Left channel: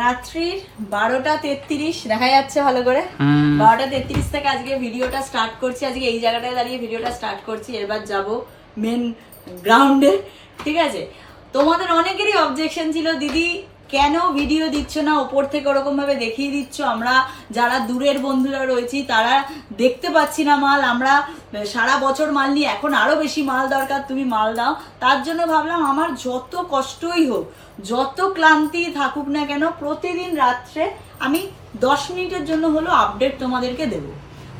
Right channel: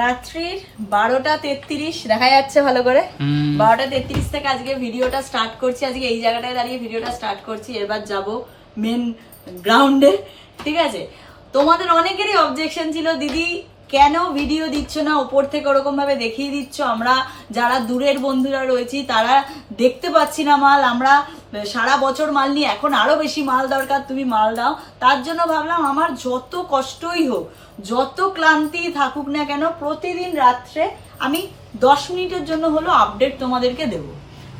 রাত্রির 12:33 দেখা যাচ্ছে ভালো করে। 12:33 থেকে আজকে ভিডিওটা স্টার্ট করছি। আজকে এই জায়গাটায় দাঁড়িয়ে ভিডিওটা স্টার্ট করছি। এবার যাব মেন গ্রাউন্ডে, ঠিক আছে? তোমাদের অনেকেরই অবজেকশন ছিল, দিদি কেন ভিডিও দিচ্ছ না, উপর থেকে ওরকম ভাবে দেখিয়ে দিচ্ছ, আমরা যারা দূরের বন্ধুরা রয়েছি তারা দেখতে পাচ্ছি না মাল, আমরা সারা বছর মাল নিয়ে এখন আরো বেশি মাল দরকার, তুমি মাল দাও। তার জন্য ভাবলাম আমার যত কষ্টই হোক, যত ক্লান্তি থাকুক না কেন, প্রতিদিন রাত্রে আমি 10 মিনিটের জন্য হলো আপডেট তোমাদেরকে দেবো,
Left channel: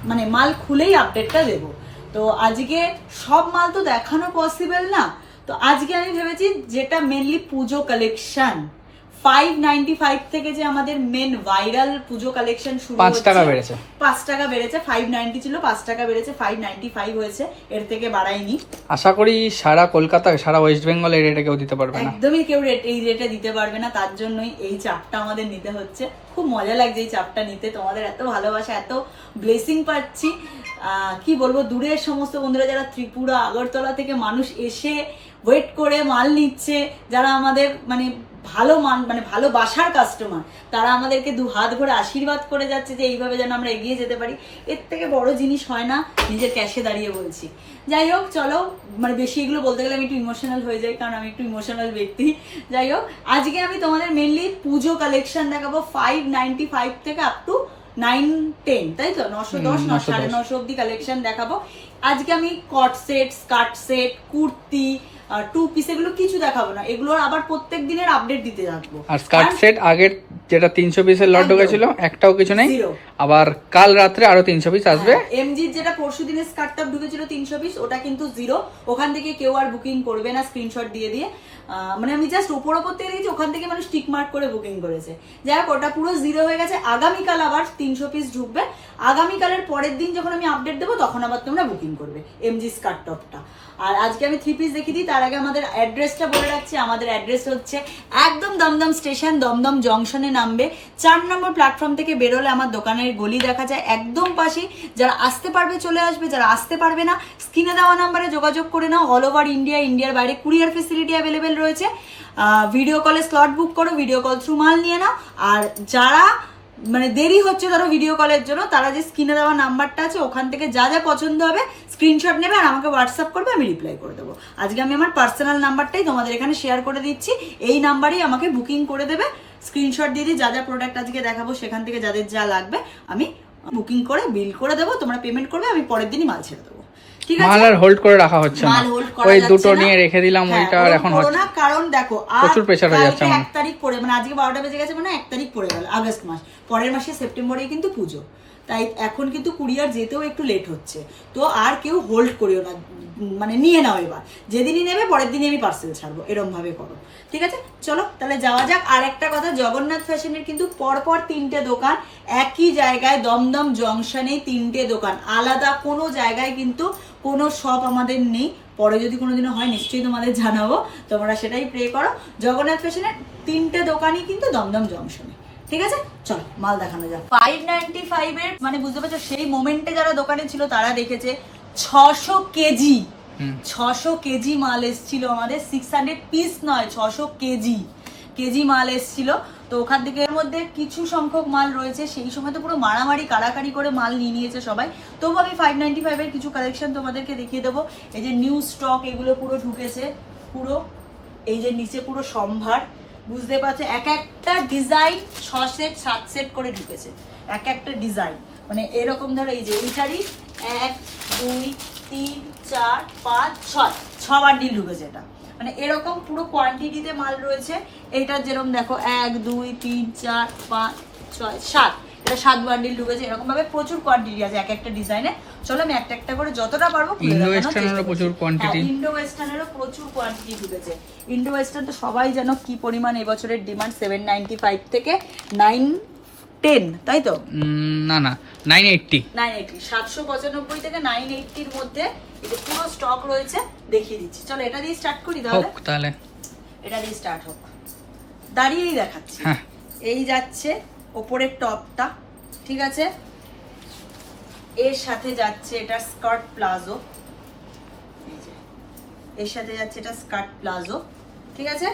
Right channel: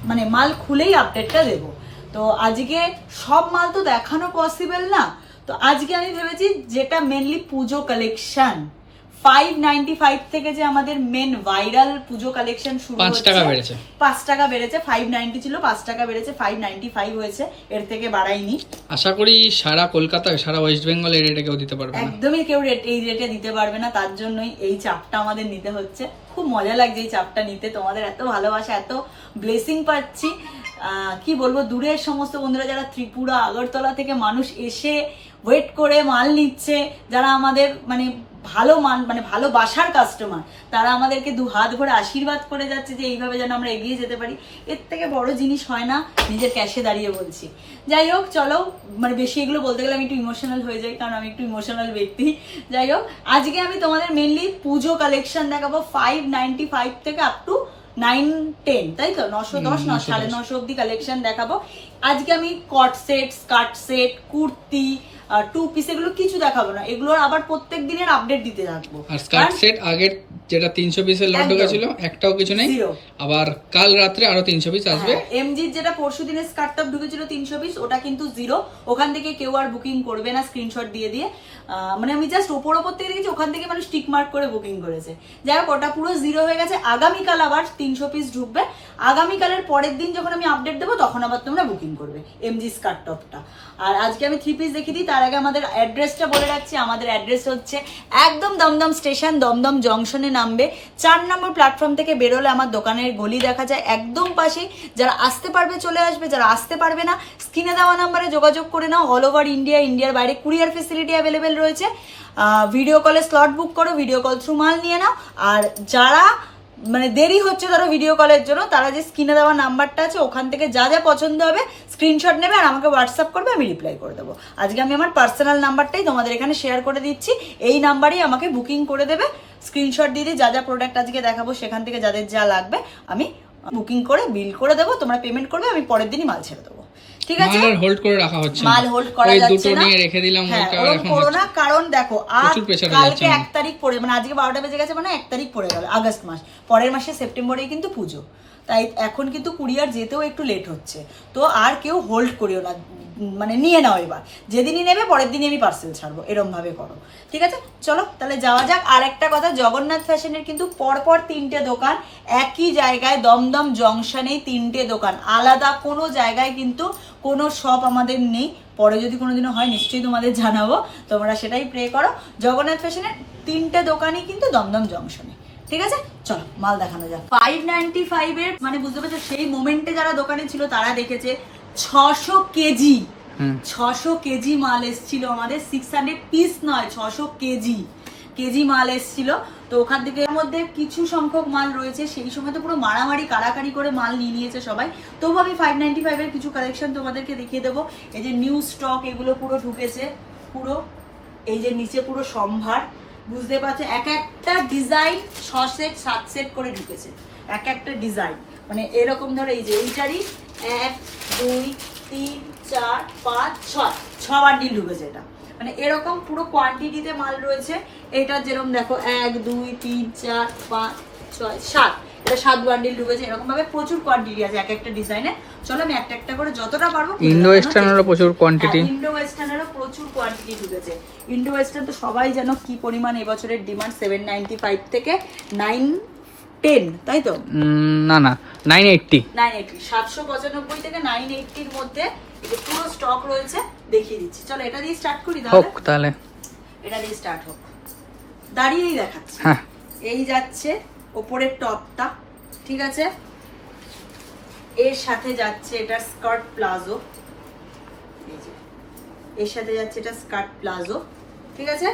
মানে মাল খুলেই আপডেটটা দেবো। তো আজকে সব মাল তো দেখানো পসিবল না, তো আজকে আমি ভেবেছি যেটা মেনলি পুজো কালেকশন 595 থেকে যে আমাদের মেন ভাইরাল পুজো কালেকশন শুরু 5 টাকা বেড়েছে, 5 টাকা বেড়েছে। 590 ছিল, 5 টাকা বেড়েছে, 595 হয়েছে, এর থেকে বাড়ায়নি। আশা করি সারা কলকাতা সারা ওয়েস্ট বেঙ্গল এই রেটে কেউ দিতে পারবে না, একদমই কেউ এই রেটে দিতে পারবে না। তার জন্যই এই চাপটা আমাদের নিতে হচ্ছে। খুব মজা লাগছে এই চাপটা নিতে, তোমাদের এত ভালোবাসা, এত ব্লেসিং পাচ্ছি। কি বলবো, দূরের সমস্ত বন্ধুরা যারা ত্রিপুরা আগরতলা থেকে মানুষ এসে ওয়েট করে মাল নিচ্ছে, যারা আমাদের মানে ভালো মানে ভালোবাসার কাস্টমার, তারা আমাদেরকে 2 হাত ভরে আশীর্বাদ করে যাচ্ছে যে এইভাবে যেন আমরা এগিয়ে যেতে পারি। এর থেকে বড় জিনিস হয় না, নিজের ক্যাশে দাঁড়িয়ে বলছি। যাই হোক, চলো, মানে বেশি এগুলো বলতে গেলে আমি একটু ইমোশনাল হয়ে যাই, কারণ আমি একটু ইমোশনাল ব্যক্তি। যাই হোক, আজকে আমি তোমাদের মেনলি পুজো কালেকশন দেখাবো 595 থেকে আপ টু 910, তাই তো 910 950 অব্দি কালেকশন দেখাবো। আজকে আমি কট set, skirt set, kurti, 2 piece এগুলো কিছু দেখাবো না, এগুলোর আবার প্রত্যেক দিনের আপডেট দিতে থাকবো। আর স্কার্ট সেট আগের যেটা 300 পিসের লট ঢুকেছিল একটাও কিছু নেই, আবার কাল রাত্রে আরো 300 পিস আসবে। এমজির যেটা পরশু দিনের স্কার্ট টপ ঢুকেছিল 300 পিস, ওটা কিন্তু জিরো, ওখান থেকে কেউ আর বুকিং করবে না স্ক্রিনশট দিয়ে দিয়ে। মানে আমি জাস্ট ওপর থেকে দেখেছি, ওখান থেকে মানুষ টিক মার্ক করে বুকিং করেছে, যার ওটা পুরো জিরো হয়ে গেছে। আগামীকাল আবার 300 পিস ঢুকবে, আগামীকালের পরের দিন যখন আমি আপডেট দেবো তখন আবার তোমরা বুকিং করবে এমজি স্কার্ট টপটা। আর আজকে আমি 3 পিস দেখিয়ে দিই, তার আগে আমাদের অ্যাড্রেসটা বলে রাখছি। আমাদের অ্যাড্রেস হচ্ছে একদম দমদম স্টেশন, দমদম জংশনে নামবে, 4 নম্বর প্ল্যাটফর্ম থেকে বেরোলে আমার দোকানের গলি দেখা যায়, একদম পাশে। যারা আসতে পারবে চলে আসবে, যারা আসতে পারবে না স্ক্রিনে দেওয়া নাম্বারে যোগাযোগ করে নাও। অল ওভার ইন্ডিয়া, ইন্ডিয়ার বাইরে কুরিয়ার ফেসিলিটি অ্যাভেলেবেল রয়েছে। ভিডিও কলে স্লট বুক করো, ভিডিও কল থ্রু মাল নিয়ে নাও। আর যারা মানে দেরি হচ্ছে ধরো ভিডিও কলের জন্য, তারা যে স্ক্রিনে দেওয়া নাম্বারটা আছে ওখান থেকে যা যা পছন্দ হবে স্ক্রিনশট নেবে আর আমাকে হোয়াটসঅ্যাপ করবে, আমি রিপ্লাই করে দেবো। আজকে আমি আমার পার্সোনাল নাম্বারটাই তোমাদের এখানে শেয়ার করে দিচ্ছি, এই নাম্বারেই আমাকে বুকিং করে দেবে, স্ক্রিনশট দিয়ে দিই। যা যা প্রোডাক্ট আজকে দেখাবো সেখান থেকে যাদের যা লাগবে আমি বুকিং করে বিল করে দেবো, তোমরা পেমেন্ট করবে, আমি পরের দিনই মাল ছেড়ে দেবো। ঠিক আছে, মাল আর হোল্ড করে রাখা হচ্ছে না, মাল হোল্ড করা ওই যাচ্ছে দুটো না। নিয়ে রেখে দিলাম, ওইটা আর এখন হচ্ছে না, কারণ দেখো প্রচুর প্রেসার হয়ে যাচ্ছে। 1 তারিখ পড়ে, মানে আজকে 12টা বেজে গেছে, মানে 1 তারিখ পড়ে গেল আগস্ট মাস, পরের মাসে সেপ্টেম্বরেই কিন্তু পুজো, তাই এখন কিন্তু কুরিয়ার যেতেও একটু লেট হচ্ছে। তো আর কেউ হোল্ড করিও না, মানে নিয়ে নাও, এবার যেদিনই নেবে পরের দিনই আমি পার্সেল ছাড়বো, এরকম ভাবে করো। ঠিক আছে, চলো তাহলে যাওয়া যাক। আর একটা কথা, জগন্নাথ ফ্যাশনের কিন্তু পরপর 3টে দোকান, একই জায়গায় দমদম জংশনে 3টে দোকান, আলাদা কোনো জায়গায় কিন্তু কোনো শপ আমাদের নেই। পরে যদি কোনোদিনও হয় নিশ্চয়ই তোমাদের জানাবো, তোমরা সেটাই প্রে করো। জগন্নাথ ফ্যাশনের 3টে দোকানই কিন্তু দমদম জংশনে। ঠিক আছে, চলো মাল দেখানো যাক। 595 এর মানে বুঝতে পারছো, সেই মোমেন্টে যারা দোকানে ছিল তারা দেখেছে 600 কেজি 600 কেজি মাল এসেছিল আমাদের, 600 পিস নয়, 600 কেজি মাল এসেছিল। তো ওখান থেকে এর মধ্যে কিছু সংখ্যক মাল রয়েছে, সেই সময় তো পুরো মারামারি কাড়াকাড়ি করে মাল নিয়ে নিয়েছে সবাই। তবু আমি 595 এর কিছু কালেকশন তোমাদেরকে দেখিয়ে দেবো। এই যে নিউ স্টক এগুলো পুরো ঢুকেছে, পুরো এই যে নিচে পুরো সম্ভার, বুঝতে পারছো, এক একটা ডিজাইন 6 সেট 7 সেট করে ঢুকেছে, এক একটা ডিজাইন। মানে এরকম ধরো এই যে এইটারই 1 2 3 4 5 6 বান্ডিল ঢুকেছে, এটা মানে এরকম পুরো কোয়ান্টিটিতে মাল রয়েছে। এইটা যেরকম দেখো 1 2 3 4 5 6 7, এটা 7 বান্ডিল ঢুকেছে। এরকম ভাবে প্রচুর কোয়ান্টিটি আছে এক একটা ডিজাইনে। চলো আমি একটা একটা করে যতটা পারবো। ইন্ডো ওয়েস্টার্নেরও প্রচুর কোয়ান্টিটি, ইন্ডো ওয়েস্টার্নেরও প্রচুর কোয়ান্টিটি ঢুকেছে। ইন্ডো ওয়েস্টার্ন তো সবাই জানো কি পরিমাণ এবছরের ডিমান্ড, 795 থেকে 910, তাই তো? না 980 795 থেকে 980 এর মধ্যে পুরো স্টক রয়েছে, দেখিয়ে দিচ্ছি। চলো এটা দিয়ে স্টার্ট করি তাহলে এটা দিয়ে স্টার্ট হোক, দাঁড়িয়েই দেখাচ্ছি। এই যাচ্ছে ওপরের টপটা, ঠিক আছে, এর সাথে যাচ্ছে এটা স্কার্ট প্লাজো, এর সাথে যাচ্ছে এটা স্কার্ট প্লাজো, ঠিক আছে।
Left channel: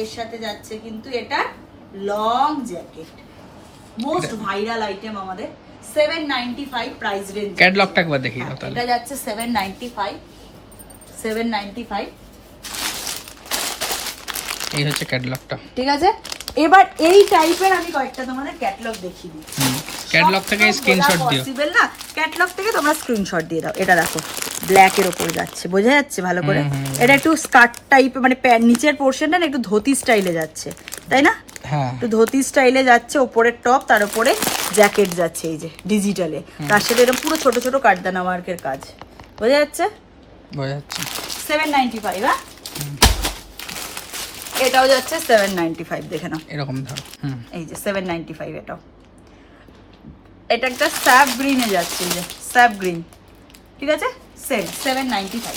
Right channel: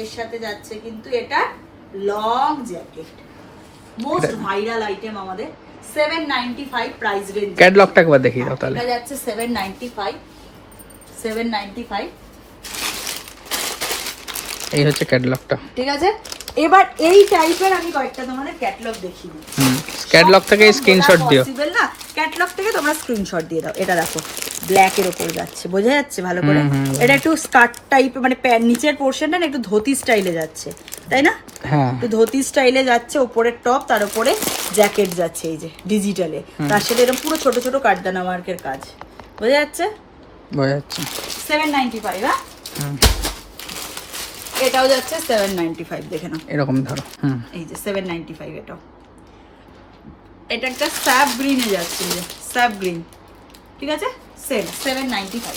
এর সাথে যাচ্ছে কিন্তু এটা long jacket, most viral item আমাদের। 795 প্রাইস রেঞ্জ। ক্যাটলগটা একবার দেখিয়ে দাও তাহলে। এটা যাচ্ছে 795। এই হচ্ছে ক্যাটলগটা, ঠিক আছে। এবার এই টাইপের আমি কয়েকটা তোমাদের ক্যাটালগ দেখিয়ে দিই। ক্যাটলগ থেকে স্ক্রিনশট দিও না, ক্যাটালগ থেকে তোমরা স্ক্রিনশট দিয়ে দাও। এটা দেখো ব্ল্যাক এর উপর যাচ্ছে, বোঝা যাচ্ছে ভালো করে। এটা একটু স্কার্ট টাইপ, মানে নিচের পোর্শনটা না একটু ধুতি স্টাইলে যাচ্ছে, তাই না? হ্যাঁ, একটু ধুতি স্টাইলে যাচ্ছে, ওপরের টপ, তার উপরে জ্যাকেট যাচ্ছে এই যে ডিজিটালে, তার সাথে এটা পুরো ছোট ছোট কাঠদানা ওয়ার্কের কাজ, বোঝা যাচ্ছে। 795। হ্যাঁ, এটাও যাচ্ছে 795, দেখে নাও এরকম ধরো। এই যে 795। এটাও, এটা একটা স্যাপ গ্রিনে যাচ্ছে, এই যে স্যাপ গ্রিন, ঠিক আছে। 795।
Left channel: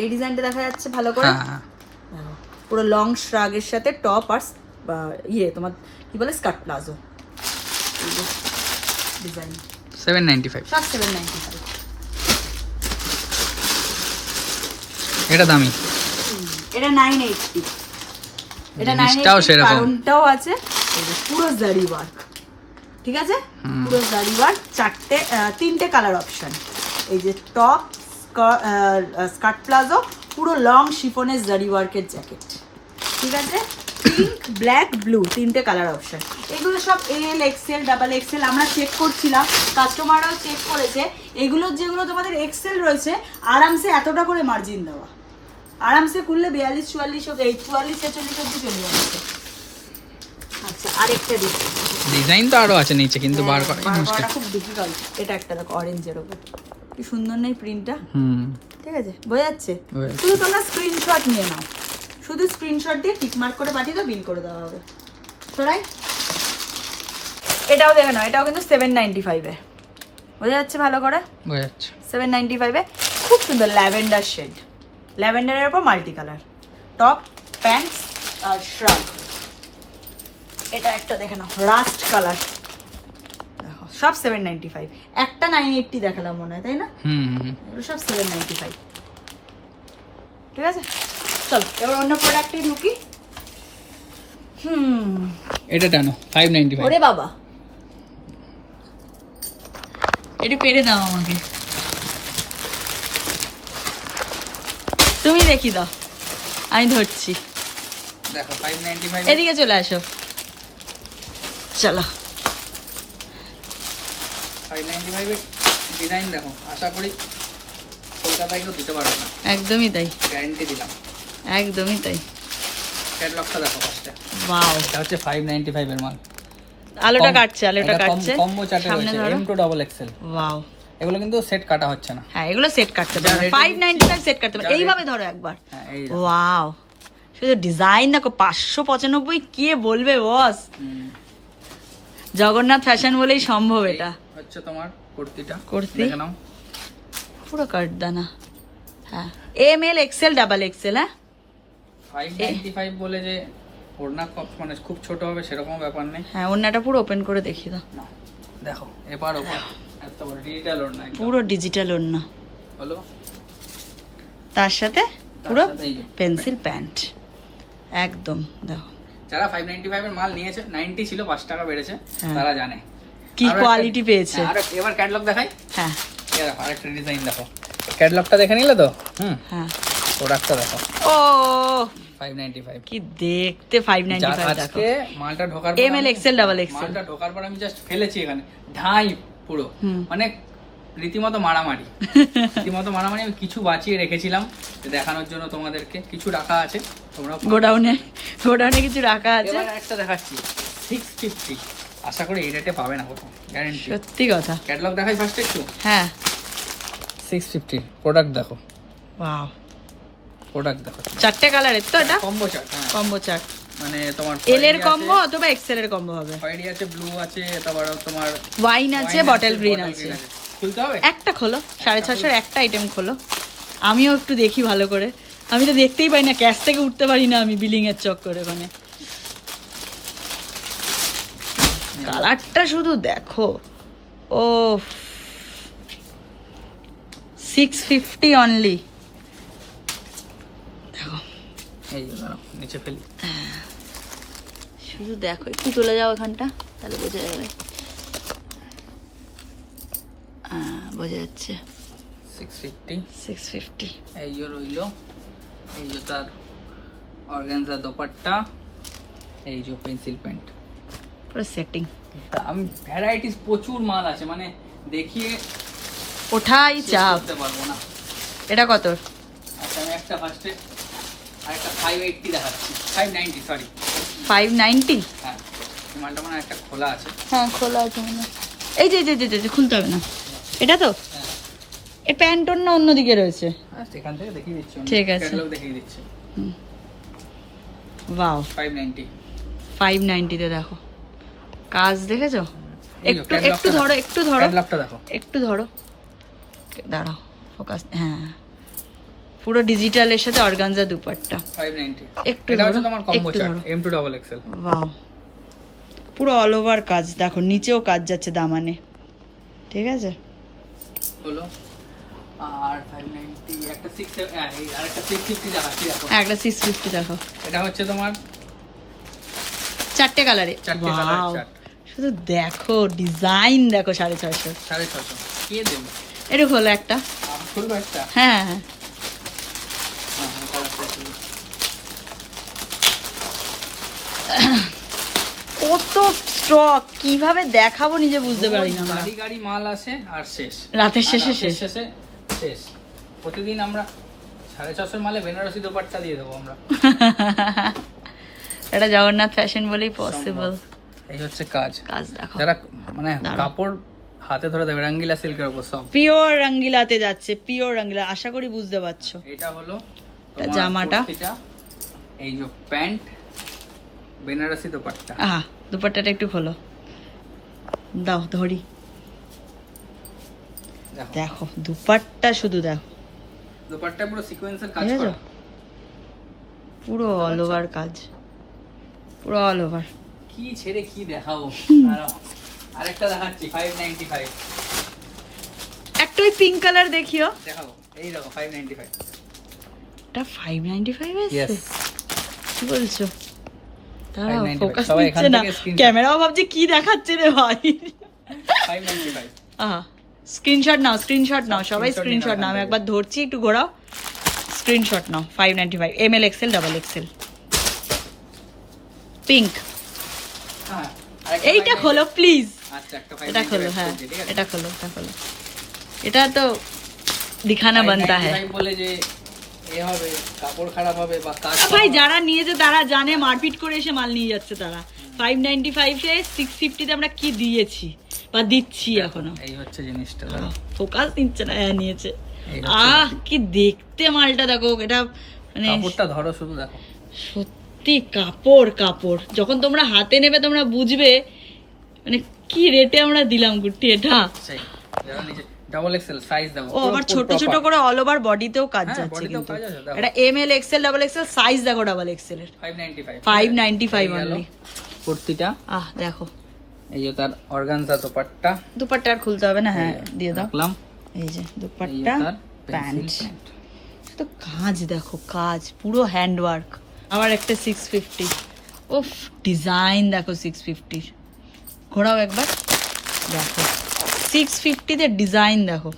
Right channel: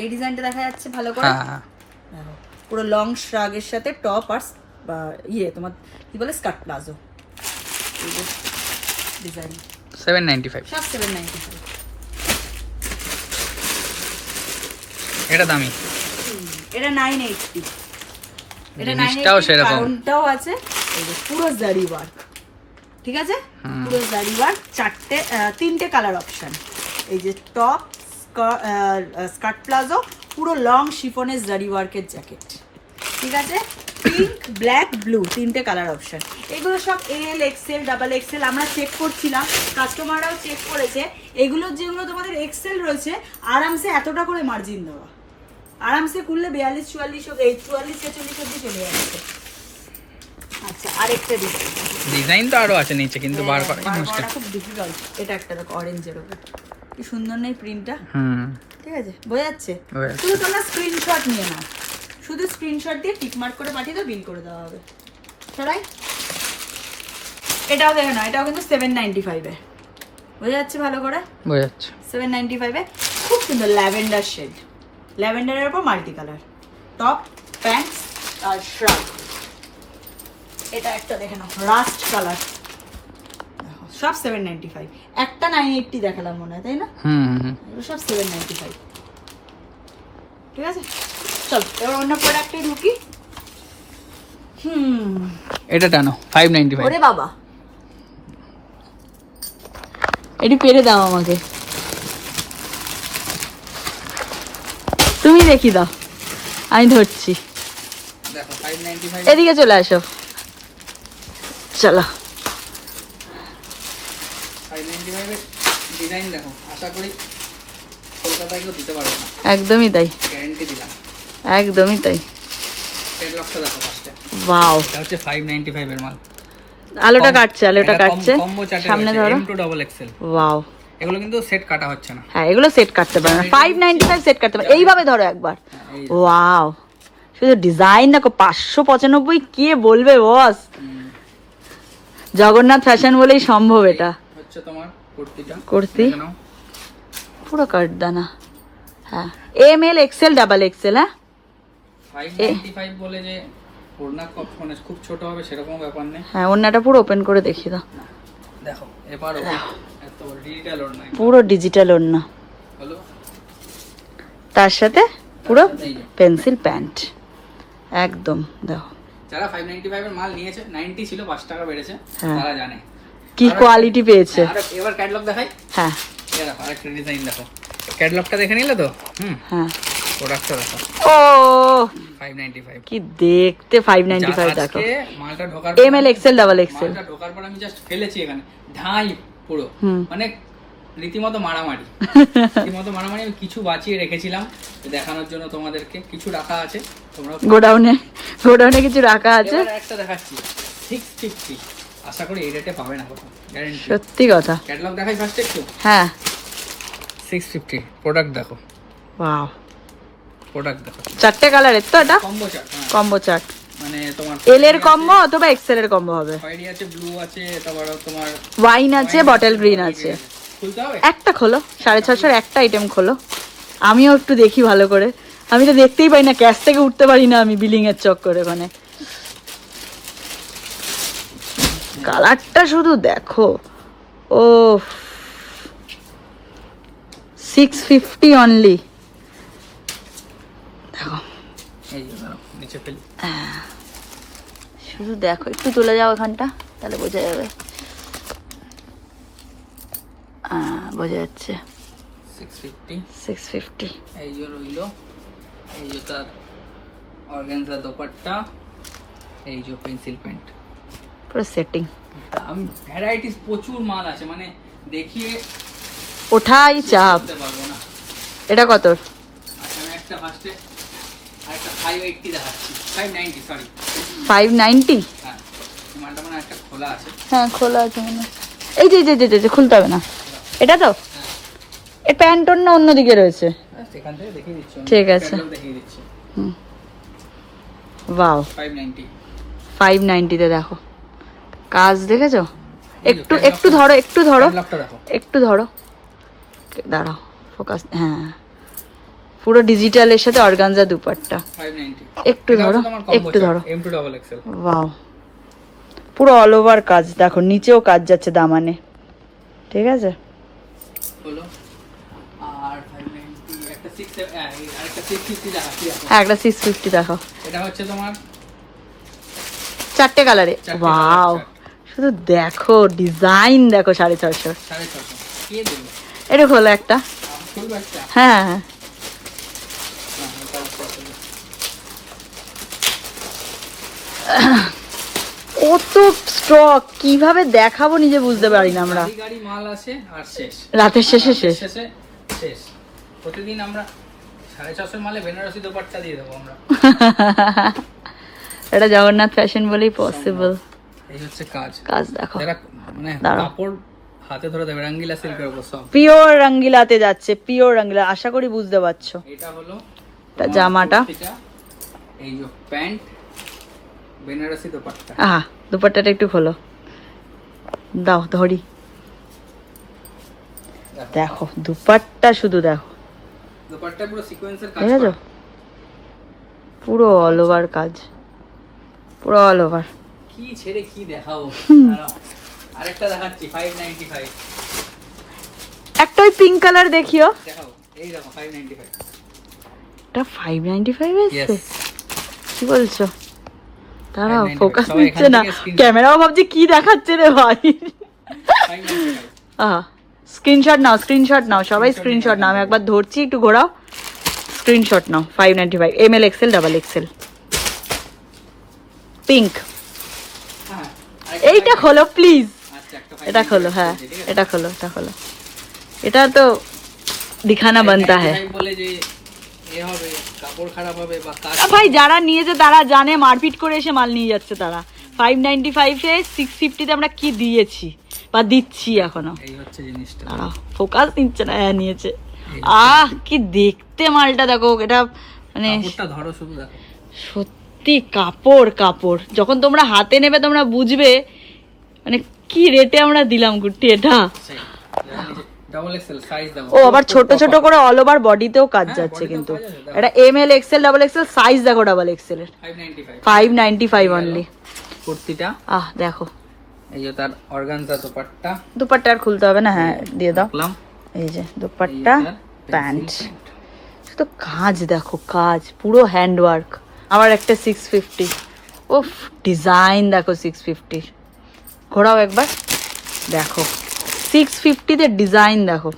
এই ডিজাইনটা দেখা যাচ্ছে ভালো করে, হ্যাঁ, পুরো লং শ্রাগের সাথে টপ আর তোমার কি বলে স্কার্ট প্লাজো, এই যে ডিজাইন। 795 সব 795। এটা দামি। এটা 980। এটা জিনিসটাও 980, সেরকম। কারণটাও আছে এই যে পুরো জারি ওয়ার্ক, ঠিক আছে। পুরো জারি ওয়ার্ক, তিনটে কালার অপশন, এই যে টপ, স্কার্ট প্লাজো, পুরো লং শিফনের জারি ওয়ার্কের জ্যাকেট, ঠিক আছে। পিঙ্ক, ব্ল্যাক, ব্লু, তিনটে কালার অপশন। এগুলো সব এল, এক্সেল, ডাবল এক্সেল। আমরা চেক করছিলাম, কাস্টমাররাও চেক করেছে। এগুলো যেগুলো তোমাদের এক্সেল রয়েছে, আরামসে এতটা করে মার্জিন দেওয়া, আরামসে খুললে 42, 44, 44, 46 অব্দি চলে যাচ্ছে। আচ্ছা, আরেকটা ডিজাইন তো আরো আছে নিচে, কিন্তু বার করা মুশকিল। খুব ডিফিকাল্ট। এটা একটা দেখো অরেঞ্জের উপর, কি সুন্দর নেই প্রিন্টটা, ঠিক আছে, বোঝা যাচ্ছে। শুধু তোমরা স্ক্রিনশট নিয়ে নাও, শুধু স্ক্রিনশট দিয়ে টিক মার্ক করে পাঠিয়ে দাও, বিল করে দেওয়া হবে। রাইট, এটাও দেখো না, এটাও কিন্তু 795 এ, বোঝা যাচ্ছে ভালো করে, বোঝা যাচ্ছে। 795 এ খুব সুন্দর ল্যাভেন্ডার শেড, ল্যাভেন্ডারের উপর মাল্টি কালার, টপ, প্যান্টস আর শ্রাগ। এটা একটা দেখে নাও রাস্ট কালার, সব 795। একটা 980 দেখালাম মনে হয়, তাই না? এগুলো সব 795, ঠিক আছে। চলো এবার অন্য প্রোডাক্টে ঢুকি। এটা টানো 595। ওরে বাবা, এটি পেরে দাও আমাকে, তুমি দেখি দাও, আমি ধরছি। দেখো 595। এদিকে চলে আসো, চলো। 595 এর ডিজাইন দেখো, আশা করি কলকাতায় কেউ দিতে পারবে না, একদমই তাই, গ্যারান্টি দিলাম। একদমই তাই। ক্যাটালগটা দেখো ফার্স্টে। ওয়াও, এটা হচ্ছে 595 এর মাল। আলোটা কাটছে, আলোটা কাটছে, কম্বো চার্টে সামনে ধরো। M to double XL। Wow, এগুলো কিন্তু সেট কাটা হচ্ছে না। হ্যাঁ এগুলো সেট কাটতে পারে না, 595 সেট কাটতে পারে। এইভাবে ধরো একবার, ওয়াও, শুধু ডিজাইন দেখো। 595 কে বলবে বস, জগন্নাথ ফ্যাশন বলেই সম্ভব। এটা হচ্ছে তোমার কুর্তিটা, কুর্তি দেখে নাও। পুরো কাটদানা, হ্যাঁ M L XL double XL. হ্যাঁ 595 বলে যে ওড়না মানে খুব ছোট হবে সেরকম ব্যাপার নেই। হ্যাঁ, ওড়নাটা পুরো ওপেন করে দেখিয়ে দাও। দেখো এবার এত বড় ডিজিটাল ওড়না, পুরো ডিজিটাল ওড়না, হলো তার সাথে পুরো পেন্সিল প্যান্ট, একদম দেখো। যারা 595 এর মাল নিয়েছে, 90 ছিল 5 টাকা বেড়েছে, তারা জানে কি কোয়ালিটি পেয়েছে। আর এবার ক্যাটালগ দেখাই। হ্যাঁ, এই দেখো আরেকটা ডিজাইন দেখো। ক্যাটালগটা দেখে নিলে তো? হ্যাঁ, প্রোডাক্টটা দেখো। ও 595 কি দেখতে, 595 দেখো। আজকে মালটা ঢোকার M L XL double XL, মালটা ঢোকার পর আমি জাস্ট ফেলেছি এখানে, ঢাই পুরো, মানে রীতিমতো মারামারি, রীতিমতো মারামারি। আমি কিছু বাঁচিয়ে রেখেছিলাম দেখানোর জন্য তোমাদেরকে, কিছু রাখা আছে, তোমরা গোডাউনে কিছু রাখা আছে। এবার একটা দেখাচ্ছি 650, আশা করি এই রেটে পাবে না কোথাও, গ্যারান্টি। সত্যি কথা। ক্যাটালগ দেখাই ফার্স্ট একটু। হ্যাঁ 650, প্রোডাক্ট দেখো, ওয়াও, প্রোডাক্ট দেখো। চারটে কালারের তো এটা, কম্বো চার্ট, কম্বো চার্ট, মানে তোমার এল এর কম্বো অথবা এক্সেল এর কম্বো হবে। হোয়াইট আছে, ব্লু আছে, তারপর তোমার ওয়াইন আছে, বটল গ্রিন আছে। খুলতে হবে? একটা খোলো, 650 একটা আইটেম খোলো, আমিও একটু দেখি ভালো করে। আমি তো দেখতেই পাই না, ক্যাশ থেকে উঠতে পারি না আমি, বিলিং এর চক্করে। মানে কালারটা শুধু দেখো, ও 650 অনলি। দেখো এই যে দাঁড়াও, নিচে ফেলি। শুধু দেখো, একটু চলে যাও এখানটা, তাহলে বোঝা যাবে। বোঝা যাচ্ছে 650। এই যে রইলো, এই যে তার অর্গানজা দোপাট্টা, এই যে পেন্সিল প্যান্ট, পুরো সেটিং। আমি ভ্যারাইটিস প্রচুর মাল আছে, মানে দেখিয়ে ওঠাই চাপ। করতে পারবো না। এটা কত? আচ্ছা আমি একটা ফার্স্টে আরেকটা 580 দেখাচ্ছি, 590 সরি। 590? হ্যাঁ, মালটা মানে একটা খোলা আছে। হ্যাঁ খোলা আছে মানে। এই যে যে যে যে খুলতে হবে না, এটা তো হ্যাঁ, এই প্যান্ট অন্য অন্যদিকে রয়েছে। সেখান থেকে দেখিয়ে দিচ্ছি। ঠিক আছে। ক্যাটালগ দেখিয়ে দিচ্ছি। ওয়াও, 590। 590 তে দেখো কাজ দেখেছো? একটু একটু ধরো, একটু ধরো, ক্যাটালগটা দেখো। একটু ধরো, দাঁড়াও ফোকাস। হ্যাঁ, পুরো ডিজিটালের সাথে অর্গানজা দুপাট্টা। 590। একটু ধরো, একটু ধরো। M2 double XL. ওয়াও, পুরো অল ওভার কাজ দেখো, নিচেও কাজ যাচ্ছে দামানে। ঠিক আছে, হলো আর 590 একটা 6 আরেকটা 650 দেখাচ্ছি দেখো। একটা 650 দেখো, এটা হচ্ছে তোমার 4টে কালারে। চারটে ওয়াও, colour, শুধু দেখো ডিজাইন দেখো, 650। 650 কে দেবে? এটা হলো একটা। খুলবো একটা। হ্যাঁ হ্যাঁ, কত স্টক কিভাবে দেখাবো নিজে বুঝতে পারি না আমরা। গাড়ি গাড়ি মাল আসে আর শেষ, রাতের শেষে শেষ। শেষ। প্রতিদিন আমরা 650 মালে বেনারসি দোপাট্টা দিয়ে দেবো আমরা। এটা জগন্নাথ ফ্যাশন বলেই পসিবল। এই হচ্ছে কাজ। কাজ দেখো, যারা মানে দাঁড়াও। কাপড় হাতে ধরে দেবে, রঙ্গিলা সিল্কের উপর সব। পিওর রঙ্গিলাতে যাচ্ছে, পিওর রঙ্গিলা, আশা করি বুঝতে পারছো। এটা হলো তা জামাটা, কুর্তিটা, এই যে প্যান্ট, বেনারসি দোপাট্টা। আহা দুপাট্টাটা একটু খোলো, দাও ধরি। দেখো দুপাট্টা, শুধু দেখো, দোপাট্টা পুরো সিকোয়েন্সের কাজ দেখেছো? করা। পুরো অল ওভার কাজ, পুরো অল ওভার। কি ছেড়ে কি দেখাবো। দাঁড়াও, আরেকটা দেখাচ্ছি 595 একটা ওই পিঙ্ক কালার দেখিও, দেখাবো। এই দেখো 595। এটা 595 এসছে? Yes. কি বলছো? দাঁড়াও, 595 ফোকাস সবাই এখান নিচ্ছে না, থেকে screen- ক্যামেরাও ভাবছে কি দেখাচ্ছে রে ভাই। 595 স্ক্রিনশট নাও, স্ক্রিনশট নাও, সবাই Screenshot স্ক্রিনশট নাও। আমি নাও। একবার ধরছি, একটু ঘোরাও, স্ক্রিনশট নাও। 595 ML XL double XL pink. হ্যাঁ, এইটা খোলো প্লিজ, আচ্ছা একটা এটা খোলো। 595 হ্যাঁ ঠিক আছে? এটা খোলো, এটা খোলো। এটা তো দিখানা বানতা হ্যাঁ। 595 বলে যে এ হবে, কাপড় খারাপ হবে বা কাজ ভাই যারা নিয়েছে তারা জানে, মারপিট করে এসে মাল নিয়ে যাচ্ছে তারা। 595 এ 650 তে আমরা কি দিয়েছি বা দিচ্ছি এখনো। এই হচ্ছে জিনিসটা। ফোকাস নিচ্ছে না। হ্যাঁ নিয়েছে। এই কি দেখতে মালটা দেখো, এটা মানে কাপড়টা ধরো শুধু দেখো। সত্যি কাপড় কাপড়। যখন তোমরা হাতে নেবে তোমরা বুঝবে মানে কি রেটে আমরা দিলাম গুটি এটা। ডাবল এক্সেল সাইজ দাও। ও আবার ছোট ছোট করে অল ওভার বডিতেও কাজ হ্যাঁ, যাচ্ছে body তেও কিন্তু। কাজ আছে, দাও। এটা ML XL double XL size দেখো, ডাবল এক্সেল এর 595 595 অনলি। কুর্তিটা, দেখো এই যে তার অর্গানজা দোপাট্টা দুপাট্টা আর খুলতে হবে না। হ্যাঁ দিয়ে দাও। দেখলাম। এই যে এই যে দুপাট্টা, তার প্যান্ট। pencil print। শুধু কাজ দেখো, কাজ পুরো হ্যান্ড ওয়ার্ক। আবার একটা 650। উফ ডিজাইন দেখো 650। ঘোরাও একবার, দেখো 650 তে ডিজাইন দেখো।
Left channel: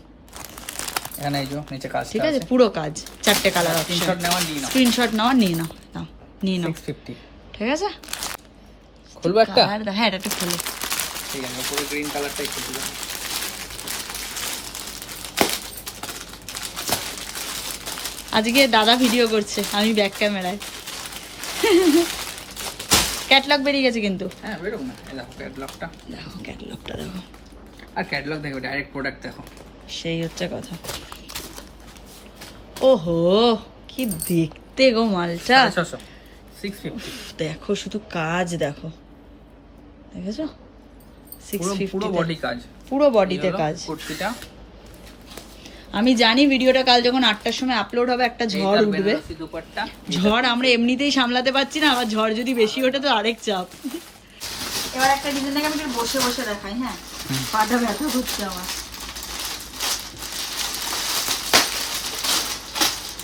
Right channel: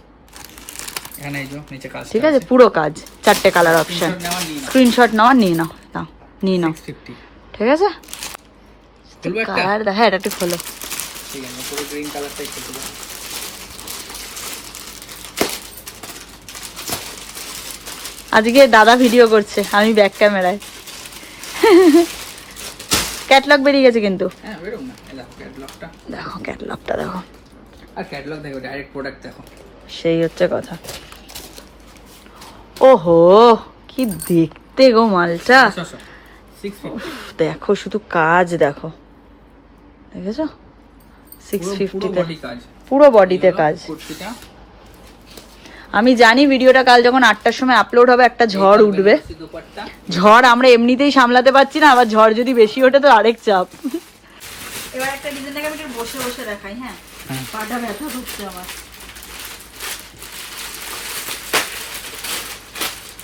এখানে এই যে নিচে কাজ ঠিক আছে, পুরো কাজ, 4টে কালার অপশন। স্ক্রিনশট নাও, নিয়ে নাও, নাও নিয়ে নাও। 650 ঠিক আছে, খুলবো একটা। কালার দেখো, হ্যাঁ এটা একটু খোলো। ঠিক আছে, পুরো গ্রিন কালারটাই খুলবো। আজকে দাদা ভিডিও করছে, আমি ব্যাক ক্যামেরায়। ক্যাটলগ বেরিয়ে গেছে কিন্তু। হ্যাঁ বেরোক না, এই দেখো ক্যাটালগটা। দেখো ক্যাটলগটা দেখো, আর ক্যাটালগ দেখো, ডাইরেক্ট প্রোডাক্ট দেখো। সেই হচ্ছে কথা। ওহো কি দেখতে গো মালটা। 650 উফ, দেখো শুধু কাজ দেখো, দেখেছো? 650 পুরো তে বডি কাজ। পুরো বডিতে কাজ। কুর্তিটা, আমি জানি ভিডিওটা কাল যখন 8টার সময় আপলোড হবে একটা ঝড় উঠবে। বেনারসি দোপাট্টা। ঝড় আমরা এমনিতেই সামলাতে পারছি না, আবার ঝড় যদি বেশি ওঠে তো আরেক চাপ। এবার একটা ডিজাইনটাকে আমি বসে বসে দেখাই। হ্যাঁ হ্যাঁ। পাটা ব্যথা করছে আমার।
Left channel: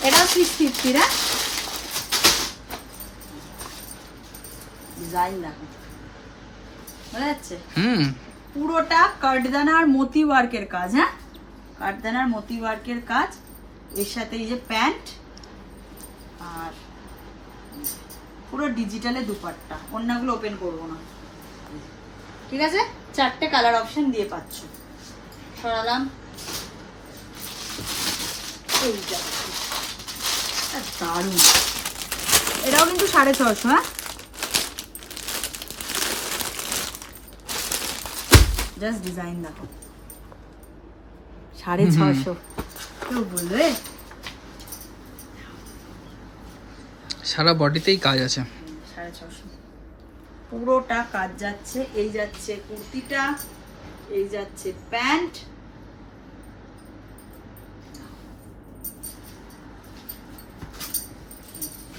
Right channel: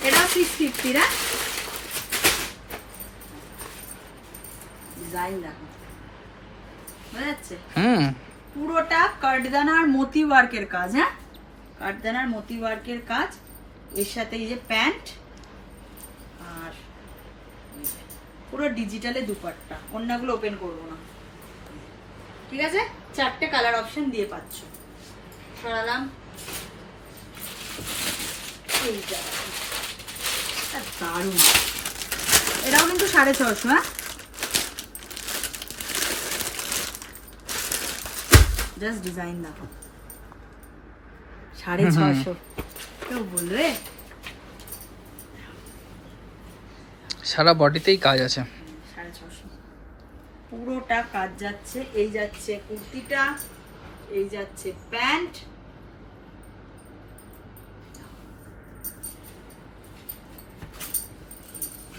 এটা 650 না? ডিজাইন দেখো, বোঝা যাচ্ছে? পুরোটা কাঠদানার মতি ওয়ার্কের কাজ। হ্যাঁ, কাঠদানার মতি ওয়ার্কের কাজ, এর সাথে এই যে প্যান্ট, আর পুরো ডিজিটালে দুপাট্টা। অন্যগুলো ওপেন করবো না, ঠিক আছে? 4টে কালার অপশন দিয়ে পাচ্ছ। সরালাম এইটা, দারুণ। এটাও কিন্তু 650। হ্যাঁ, জাস্ট ডিজাইন দেখো, 650। কেউ বলবে? সারা বডিতেই কাজ আছে। 650 পুরোটা কাজ যাচ্ছে। এই যাচ্ছে কুর্তিটা, এই যাচ্ছে প্যান্ট,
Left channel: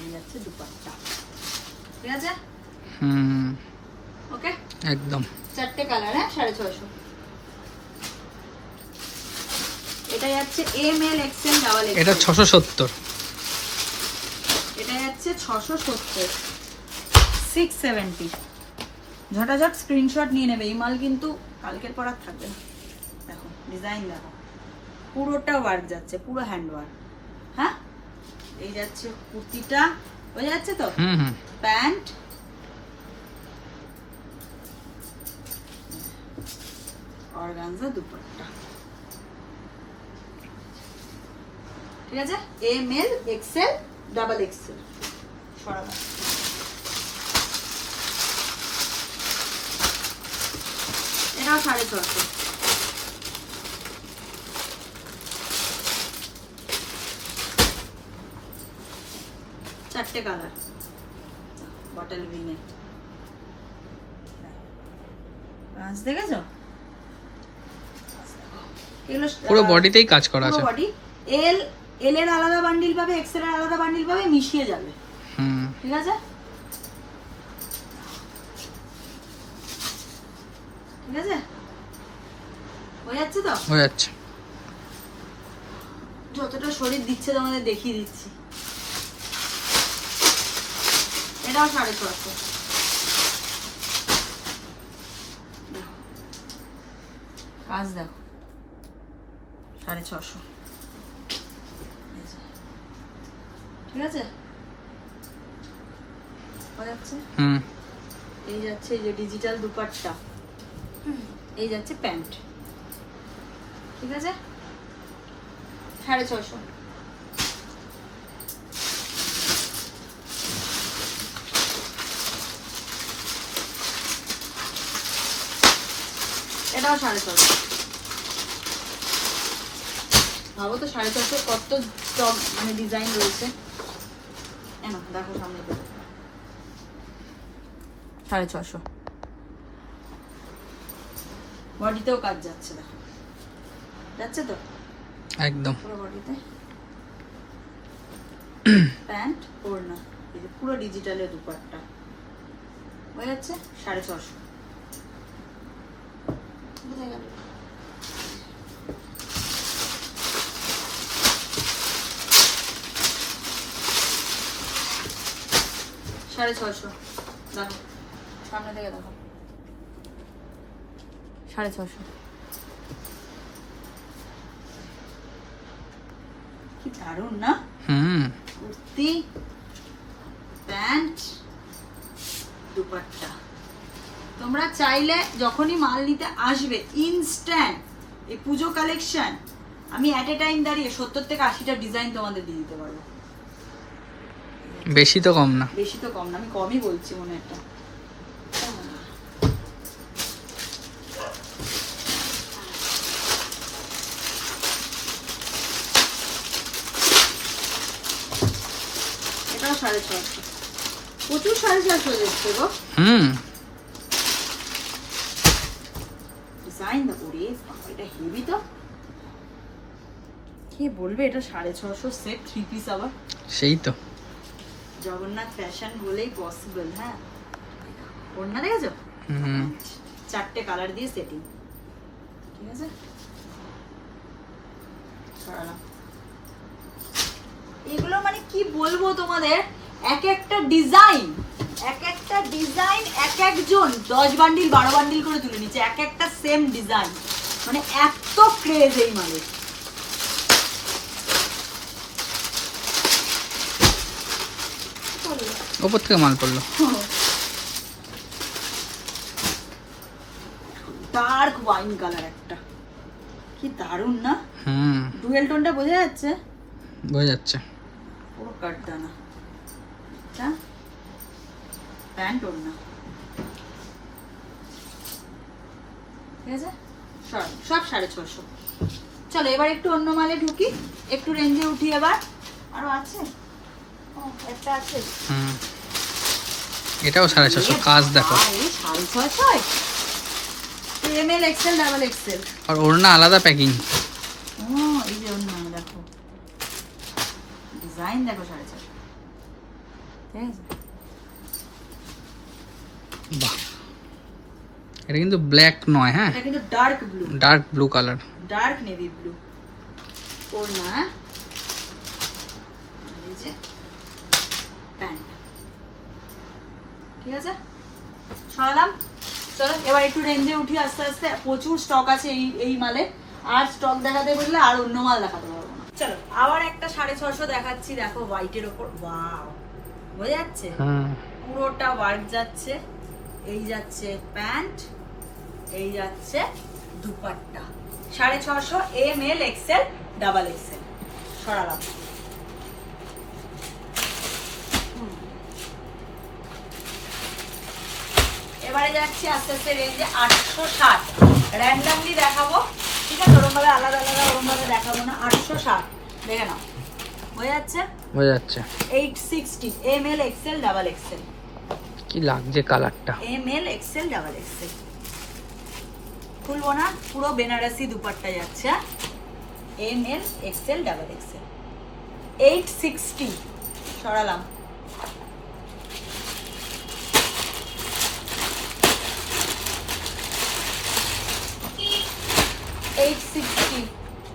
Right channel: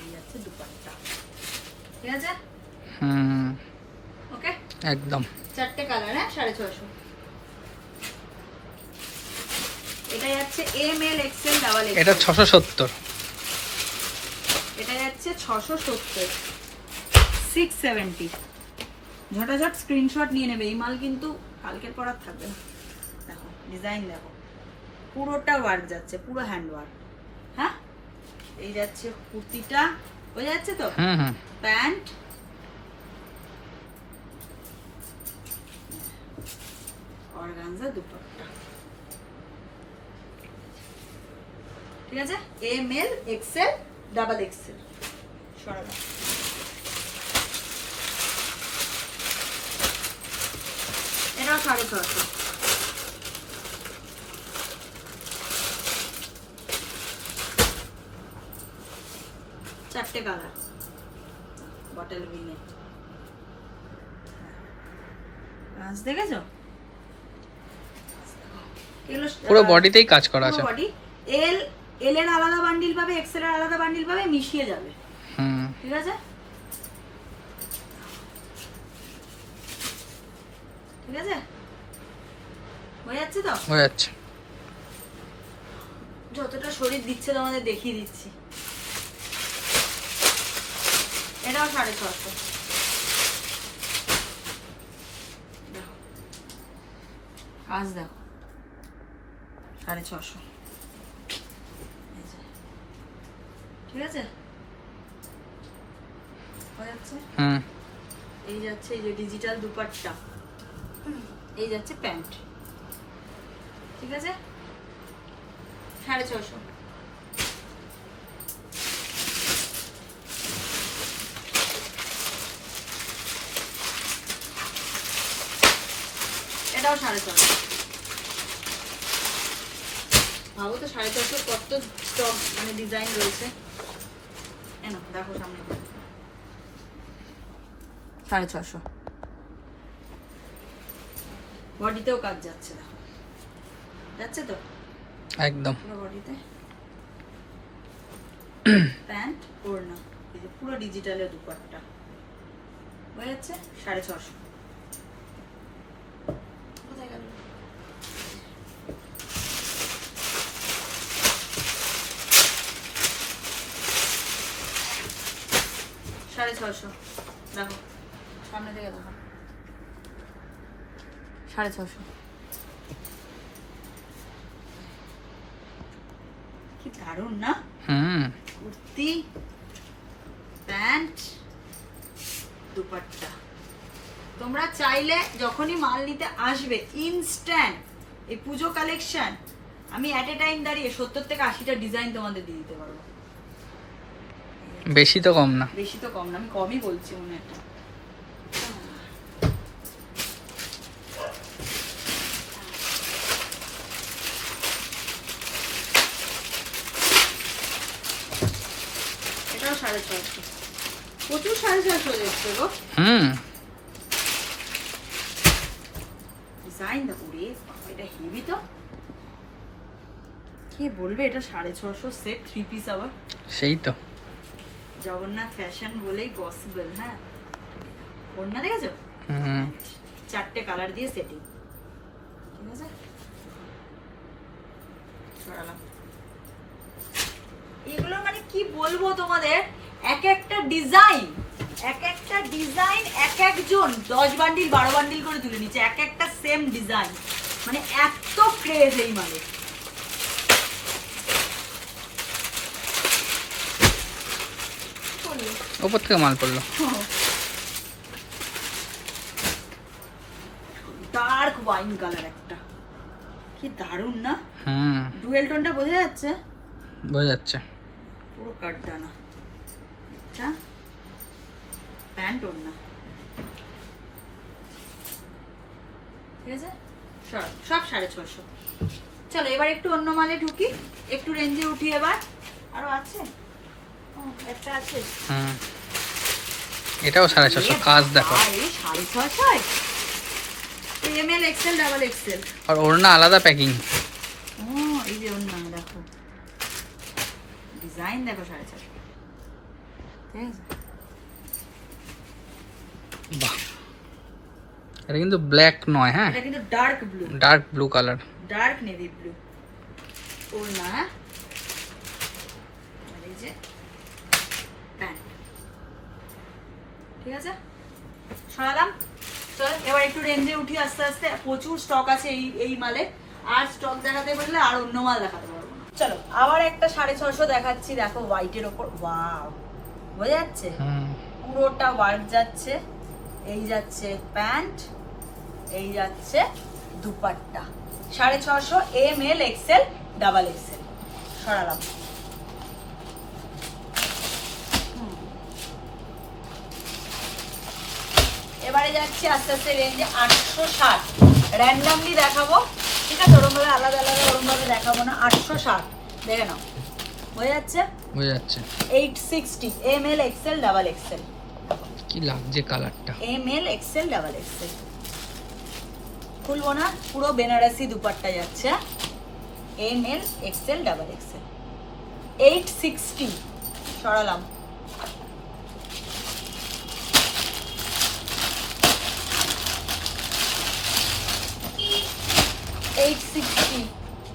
এই যাচ্ছে দুপাট্টা, ঠিক আছে? ওকে, একদম 4টে কালার। হ্যাঁ, 650। এটা যাচ্ছে M L XL double XL. এটা 670। এটা যাচ্ছে 670, 670। ঝটাঝট স্ক্রিনশট নিয়ে নেবে, এই মাল কিন্তু কালকের পর আর থাকবে না। দেখো ডিজাইন দেখো, পুরোটা ওয়ার্ক যাচ্ছে, পুরো হ্যান্ড ওয়ার্ক। হ্যাঁ, এই যাচ্ছে কুর্তিটা, বোঝা যাচ্ছে তো? প্যান্ট, অর্গানজা দুপাট্টা, ঠিক আছে? M L XL double XL. সরাবো, এটাও 650। চারটে কালার, বটল গ্রিনে। কাজ দেখেছো? পুরো বডিতেই কাজ করা আছে। পুরো বডি। এল এর আলাদা বান্ডিল পাবে, এক্সেল এর আলাদা বান্ডিল পাবে, মিশিয়ে যাবে। ঠিক আছে, ঠিক আছে, হয়ে যাচ্ছে তো? হয়ে যাচ্ছে। যতটা শরীর দিচ্ছে তোমাদের দেখিয়ে দিচ্ছি। এটাও 650। কাজ দেখো, 650, ঠিক আছে? হয়ে যাচ্ছে। এই যাচ্ছে এই যে ডিজিটাল দুপাট্টা, এই যাচ্ছে প্যান্ট, ঠিক আছে? 650। এটাও 650। ভাবো তো 650 কত স্টক মানে ডিজাইন রয়েছে। দেখো সামনে 650। বডিতেও কাজ যাচ্ছে, দেখো যাচ্ছে তো একদম পুরো বডিতে। প্যান্ট, ওড়না, এই যে পুরো ডিজিটালের দুপাট্টা, হয়ে যাচ্ছে 650। কোথায় গেল? সাড়ে 600। দেখো সামনে থেকে দেখো, 650। কি দারুণ না? কুর্তি, প্যান্ট, দুপাট্টা। তোমরা চাইলে যখনই মাল নিতে আসবে ইনস্ট্যান্ট এই পুজো কালেকশন আমি এট এ টাইম দাঁড়িয়ে 70 থেকে 80টা ডিজাইন তোমাদের দিয়ে দিতে পারবো। বেশি তো কম না, বেশি তো কম না, আমি কমই বলছি মনে একটা। এটাও 650। প্রচুর 650 যাচ্ছে গো। ডিজাইন দেখো রে, এটা হেভি তো। কে বলবে এটা 650 সেট 3 পিস? আবার সেই তো জগন্নাথ ফ্যাশন বলেই পসিবল। হ্যাঁ, ওড়না দেখেছো? 4টে কালার দিয়ে সেটিং, ঠিক আছে? সরালাম। এই মানে কি বলবো তোমাদের, এক একটা ডিজাইন এক একজন 10 বান্ডিল 12 বান্ডিল করে তুলে নিচ্ছে, এক একটা সেম ডিজাইন, মানে এত ক্রেজ এই মালে। ওপর থেকে মাল পড়লো। ডার্ক ওয়াইন কালার একটা, কি দারুন না? ডুয়েল টোনটা বোঝা যাচ্ছে? বোঝা যাচ্ছে। পুরো কাটদানা। আচ্ছা, প্যান্ট ওর না, ঠিক আছে, সব 650। চলো এবার একটু অন্য মালে ঢুকি, একটু রেঞ্জে উঠি এবার। আরো আছে, একটা আছে, এটাও 650, কাজ দেখো। 650 এমএল এক্সেল ডাবল এক্সেল, আর ওড়না আলাদা প্যাকিং। এই যে ওড়না দেখো, ডিজাইন দেখো 450, ঠিক আছে। বাহ, এটা কিন্তু ব্ল্যাক নয়, হ্যাঁ এটা কিন্তু dark blue, dark blue colour, dark navy blue ওড়না। এই যে প্যান্ট, ঠিক আছে, সরালাম। চলো এবার একটু রেঞ্জে উঠি আস্তে আস্তে। প্রচুর স্টক আছে এই মালে, আর স্টক দেখাতে বললে আর অন্য মাল দেখাতে পারবো না। চলো আবার একটা 650 দেখাচ্ছি, দেখো হোয়াইটের ওপর, ওয়াও, বোঝা যাচ্ছে? পুরোটা ওয়ার্ক যাচ্ছে। এই যাচ্ছে প্যান্ট, এই যাচ্ছে dupatta, 650 M L XL double XL. সরালাম। এবারে যাচ্ছে আস্তে আস্তে রেঞ্জ 860, র্যান্ডমলি দেখাবো, ঠিক আছে, ওরকম ভাবে আলাদা আলাদা ওরকম ভাবে দেখাবো না। 860 দেখে নাও, বোঝা যাচ্ছে? বোঝা যাচ্ছে। 860 এমএল এক্সেল ডাবল এক্সেল, কি লাগছে কালারটা, এমএল এক্সেল ডাবল এক্সেল। খুলবো না, পুরো বেনারসি দুপাট্টা যাচ্ছে, এমএল এক্সেল ডাবল এক্সেল, 860। সরালাম।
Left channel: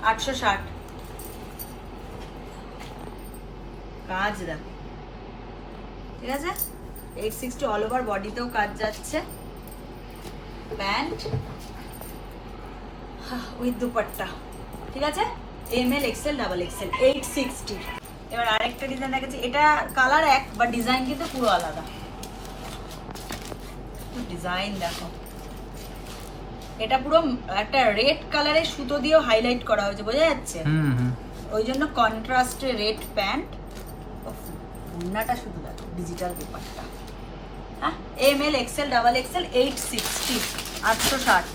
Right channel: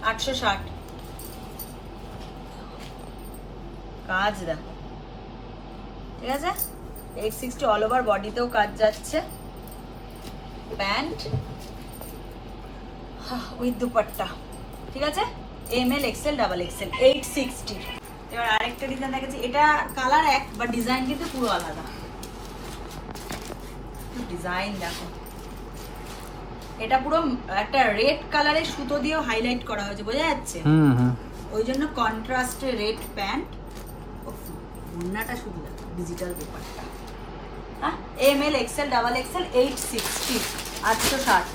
$860 কাজ দেখো, ঠিক আছে, 860 অল ওভার বডিতেও কাজ যাচ্ছে, প্যান্ট উইথ দুপাট্টা, ঠিক আছে, এমএল এক্সেল ডাবল এক্সেল, 860। এবার আরেকটা ডিজাইন দেখেছি, এটা কালার এক বা ডিজাইন কিন্তু পুরো আলাদা। ডিজাইন দেখো, এটা পুরো একটা রেড কালারের সুতো দিয়ে হাইলাইট করা হয়েছে, বোঝা যাচ্ছে? ওই জন্য কন্ট্রাস্টে রেড প্যান্ট, ওড়নাটা শুধু দেখো, ডিজিটাল পেপার, হ্যাঁ, এমএল এক্সেল ডাবল এক্সেল, 860, 860।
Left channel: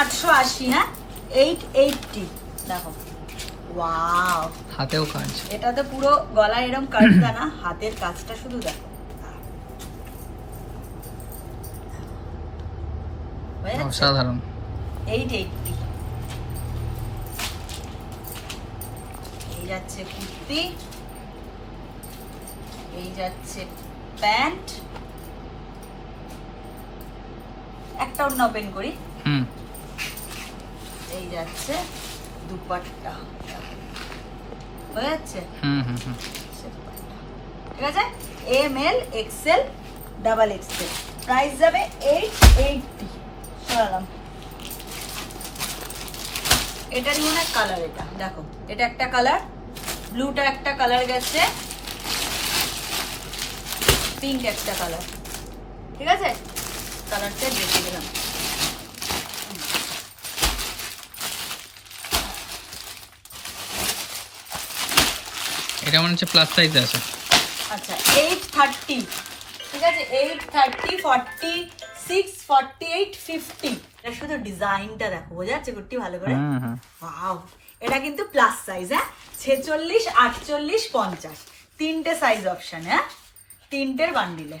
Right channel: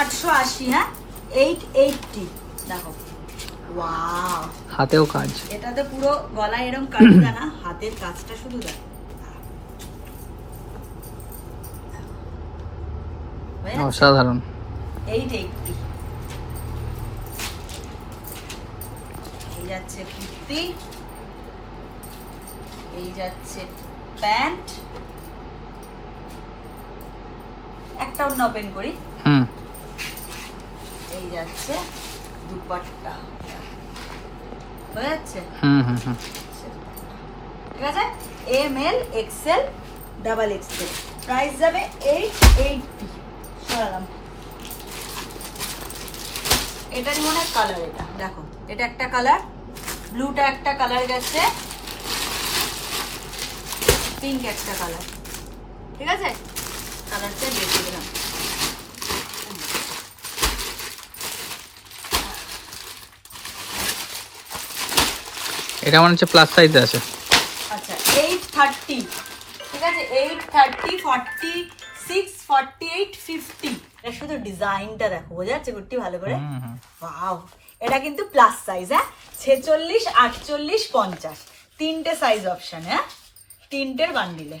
$880, হ্যাঁ, 880 দেখো, ওয়াও, হাতেও কাজ। এটাতে পুরো গলায় এরকম কাটবে না, হাতের কাজটা শুধু দেখো, অসাধারণ। 880। এই যাচ্ছে কুর্তি, এই যাচ্ছে প্যান্ট, একটা অন্য ওপেন করি, এই যাচ্ছে দুপাট্টা, বোঝা যাচ্ছে? ঠিক আছে, ML XL double Excel, price যাবে 880। এটারই মনে কালার, এটা দেখো, এটা একটা কালার, ব্লুটা একটা কালার গেছে, পিঙ্ক একটা কালার, ঠিক আছে, কালারটা দেখে দিলাম। এটা মনে হচ্ছে প্লাস সাইজ আছে। আচ্ছা, 830, ঠিক আছে, 830, 46, 48, 50। এটা শুধু ডিজাইনটা দেখো, বোঝা যাচ্ছে কুর্তি ভালো করে? ওয়াও, এটা কিন্তু প্লাস সাইজ, হ্যাঁ, 46, 48, 50, তিনটে সাইজ অপশন, হ্যাঁ, তিনটের বান্ডিলে।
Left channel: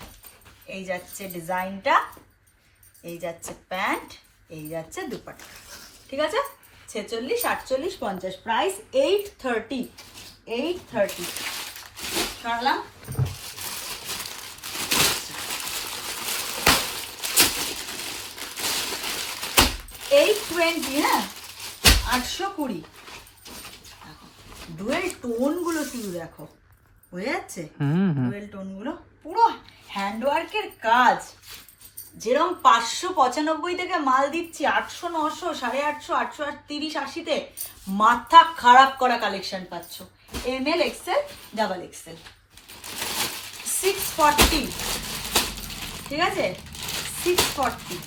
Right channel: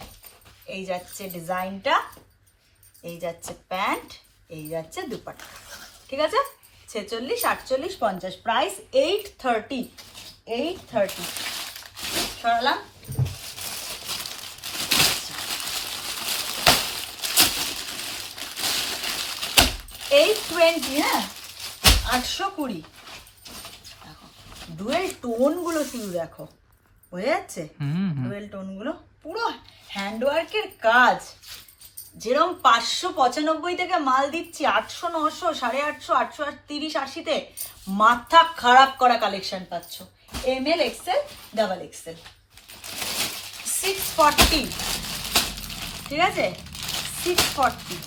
এই যাচ্ছে ডিজাইনটা, এই যাচ্ছে প্যান্ট, এই যাচ্ছে দুপাট্টা, ঠিক আছে, 46, 48, 50, প্রাইস 830, 830। সরালাম। 620, হ্যাঁ 820। ডুয়েল টোন গুলো শুধু দেখো, হয়ে যাচ্ছে ডুয়েল টোন গুলো, পুরো হ্যান্ডওয়ার্কের কাজ। যেরকম 595 থেকে মাল দিচ্ছি 800, 900, 850, 830, 80-তে মাথা খারাপ করা কালেকশন পাচ্ছ। ML, XL, ডাবল XL 640, ঠিক আছে 640।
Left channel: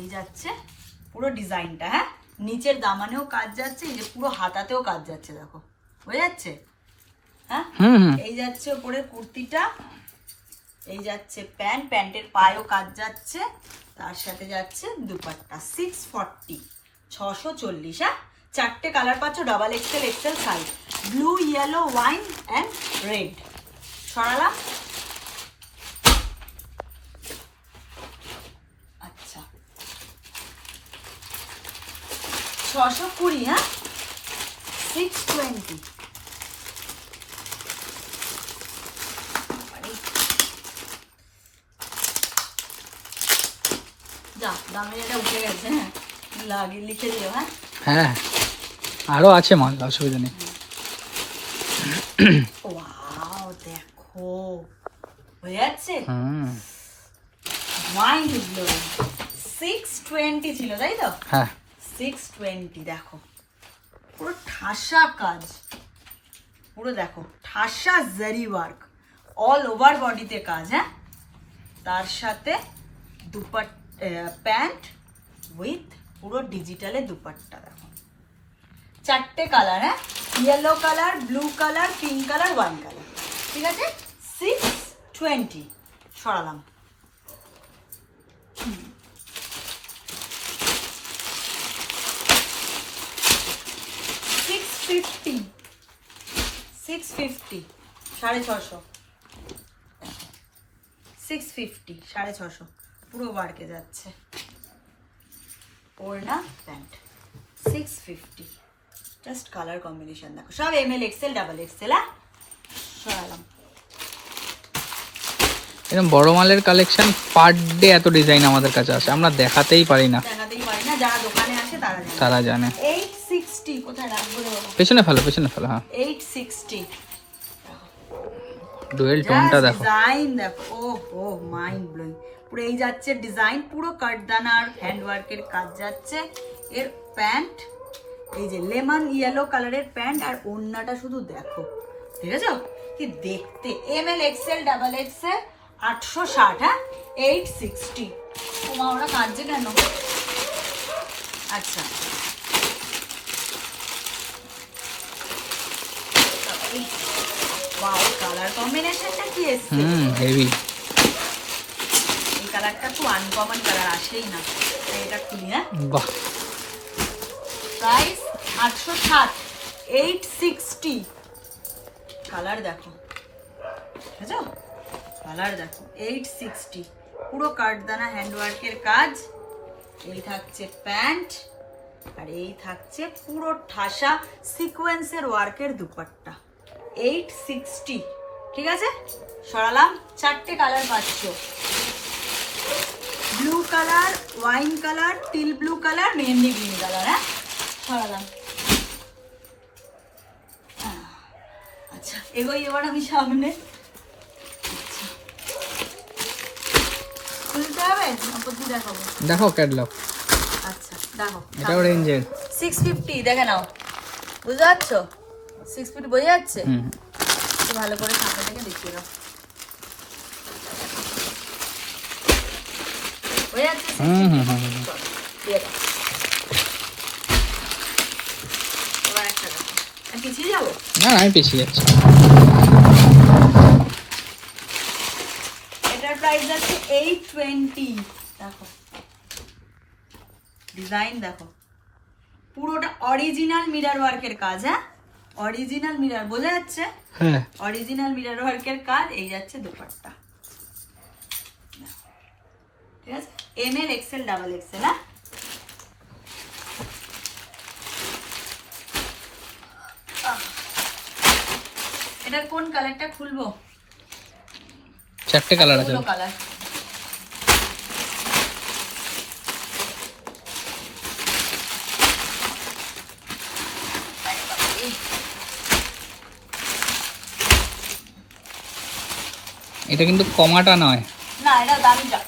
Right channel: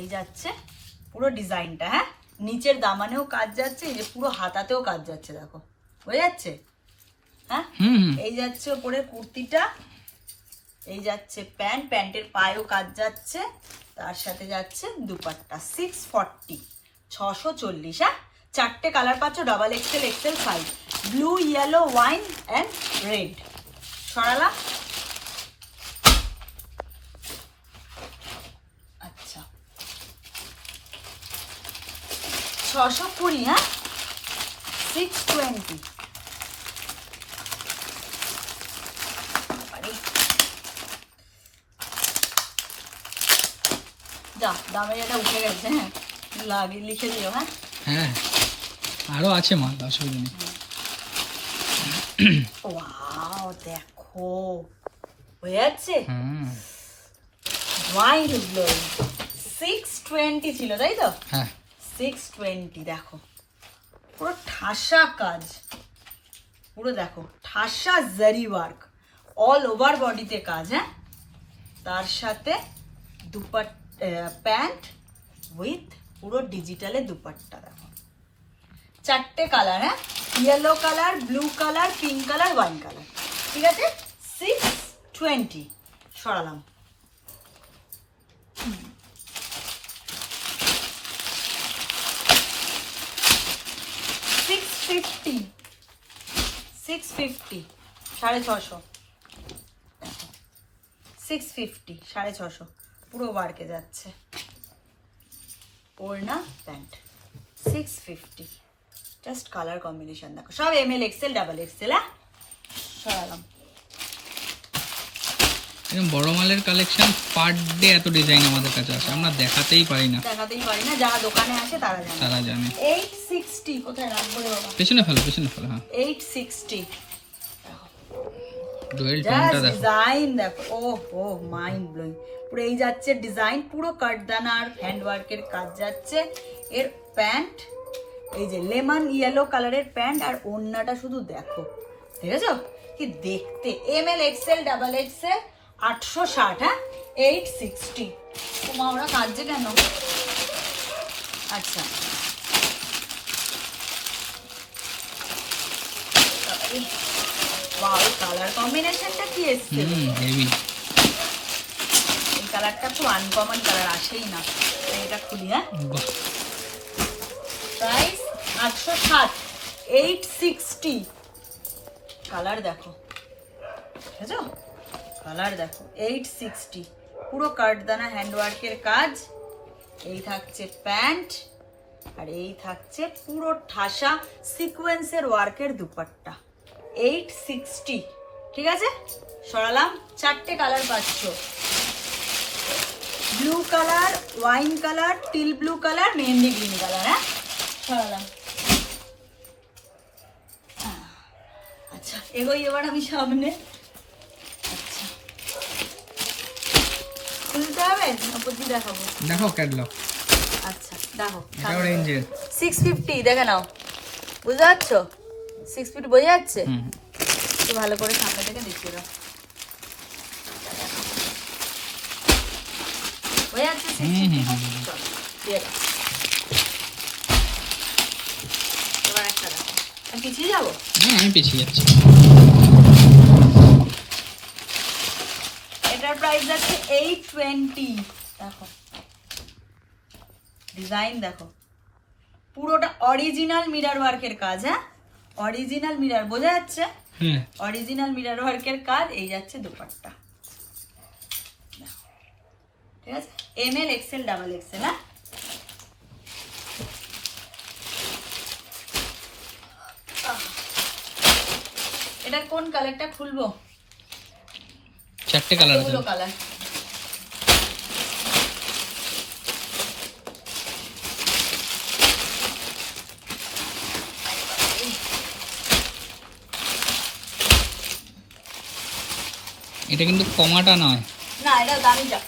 এই যাচ্ছে পুরো ডিজাইনটা, হ্যাঁ নিচের দামানেও কাজ যাচ্ছে, এই যে পুরো হাতাতেও কাজ যাচ্ছে, দেখো হয়ে যাচ্ছে, হ্যাঁ এই যাচ্ছে উপরে কুর্তিটা, এই যাচ্ছে প্যান্ট, প্যান্টের পায়েও কাজ যাচ্ছে, তার সাথে যাচ্ছে দুপাট্টা। 640, 640, হ্যাঁ 4টে কালার পাচ্ছ, double XL, XL size, blue, yellow, wine and red. সরালাম, আচ্ছা 620, হ্যাঁ 620। যা দামের এটা উঠে গেছে, হ্যাঁ লাগে লিখে দিল, হ্যাঁ হ্যাঁ আরো আছে মাল, অসুবিধা নেই। ওয়াও দেখো হয়ে যাচ্ছে, ওয়াইন গ্লোয়িং। 620 ছিল তাই তো, হ্যাঁ 620 দেখো পুরো ঠাসা কাজ, পুরো দেখো ঠাসা জারি ওয়ার্ক, অল ওভার বডিতে কাজ, হ্যাঁ তার সাথে প্যান্ট উইথ পুরো ডিজিটালে দুপাট্টা। দেখো 4টে কালার, হ্যাঁ yellow colour, blue colour, pink colour, wine colour, ঠিক আছে 620। সরালাম, $650, 650, 650, 650 পুরো ওয়ার্কে যাচ্ছে, ওড়না প্যান্ট 650। জাস্ট কালার কম্বিনেশন দেখো, সব ML, XL, ডাবল XL। সরালাম, এরকম বড় মালের কালেকশন পার ডে এত ডিজাইন আমাদের কাছে আছে, আমরা দেখাতেই পারি না, যারা দোকানে আসে তারা জানে। 860, কোথায় রাখবো রে বাবা, পেছনে ফেলো, পেছনে ফেলো, হ্যাঁ 860। ডুয়েল টোনটা দেখো, ডিজাইন দেখো, ও মাইন্ড ব্লোয়িং। পুরো এই যাচ্ছে ডিজাইন, পুরো কাটদানা আর হ্যান্ড ওয়ার্কের কাজ যাচ্ছে। এর প্যান্ট এই যে লেমন ইয়েলো কালারের প্যান্ট, আর ওড়নাটা শুধু দেখো, ঠিক আছে কি দেখতে। ML, XL, ডাবল XL 860, হ্যাঁ 860। তোমার ওরা কাঁদছে কেন? আচ্ছা কালার কম্বিনেশনটা কি এসছে, হেভি। এই কালারটা তো আনকমন কালার, আসেই না। এটা খুলি, হ্যাঁ বাহ, প্রাইস 860, 860। কালার দেখো, ঠিক আছে কালার দেখো 860, পুরো কাটদানা হ্যান্ডওয়ার্কের কাজ। এই থাকছে প্যান্ট, আর এই থাকছে পুরো ঠাসা সিকোয়েন্সের ওয়ার্কের দুপাট্টা। 860, ঠিক আছে সরালাম। 4টে কালার পাচ্ছ, blue colour, wine colour, teal blue colour, mehendi green colour, হ্যাঁ সরালাম। আচ্ছা এগোই এবার আমি সামনে, আচ্ছা খুলতে হবে আপত্তি দেখাবো, দেখো ক্যাটলগ, আচ্ছা দেখো এটাও রেঞ্জের 650, দেখে নাও বুঝতে পারছো, 650 বোঝা যাচ্ছে, একটু ভালো করে সামনে থেকে দেখিয়ে দাও, বোঝা যাচ্ছে 650? এবার একটা দেখো, আমি পিছিয়ে যাবো, না আমি পিছিয়ে যাচ্ছি। এটার প্রাইস আছে 820। দেখো ডিজাইন দেখো, পুরোটা অরিজিনাল মিরর ওয়ার্কের কাজ, হ্যাঁ অরিজিনাল মিরর, বোঝা যাচ্ছে হ্যাঁ অরিজিনাল মিরর ওয়ার্কের কাজ। এই যাচ্ছে দুপাট্টা, ঠিক আছে ML, XL, ডাবল XL, হ্যাঁ কালারটা খুলবো? 4টে কালার আছে। কালার এটা কিন্তু কমাটা নয়, না, এটা দামিটা।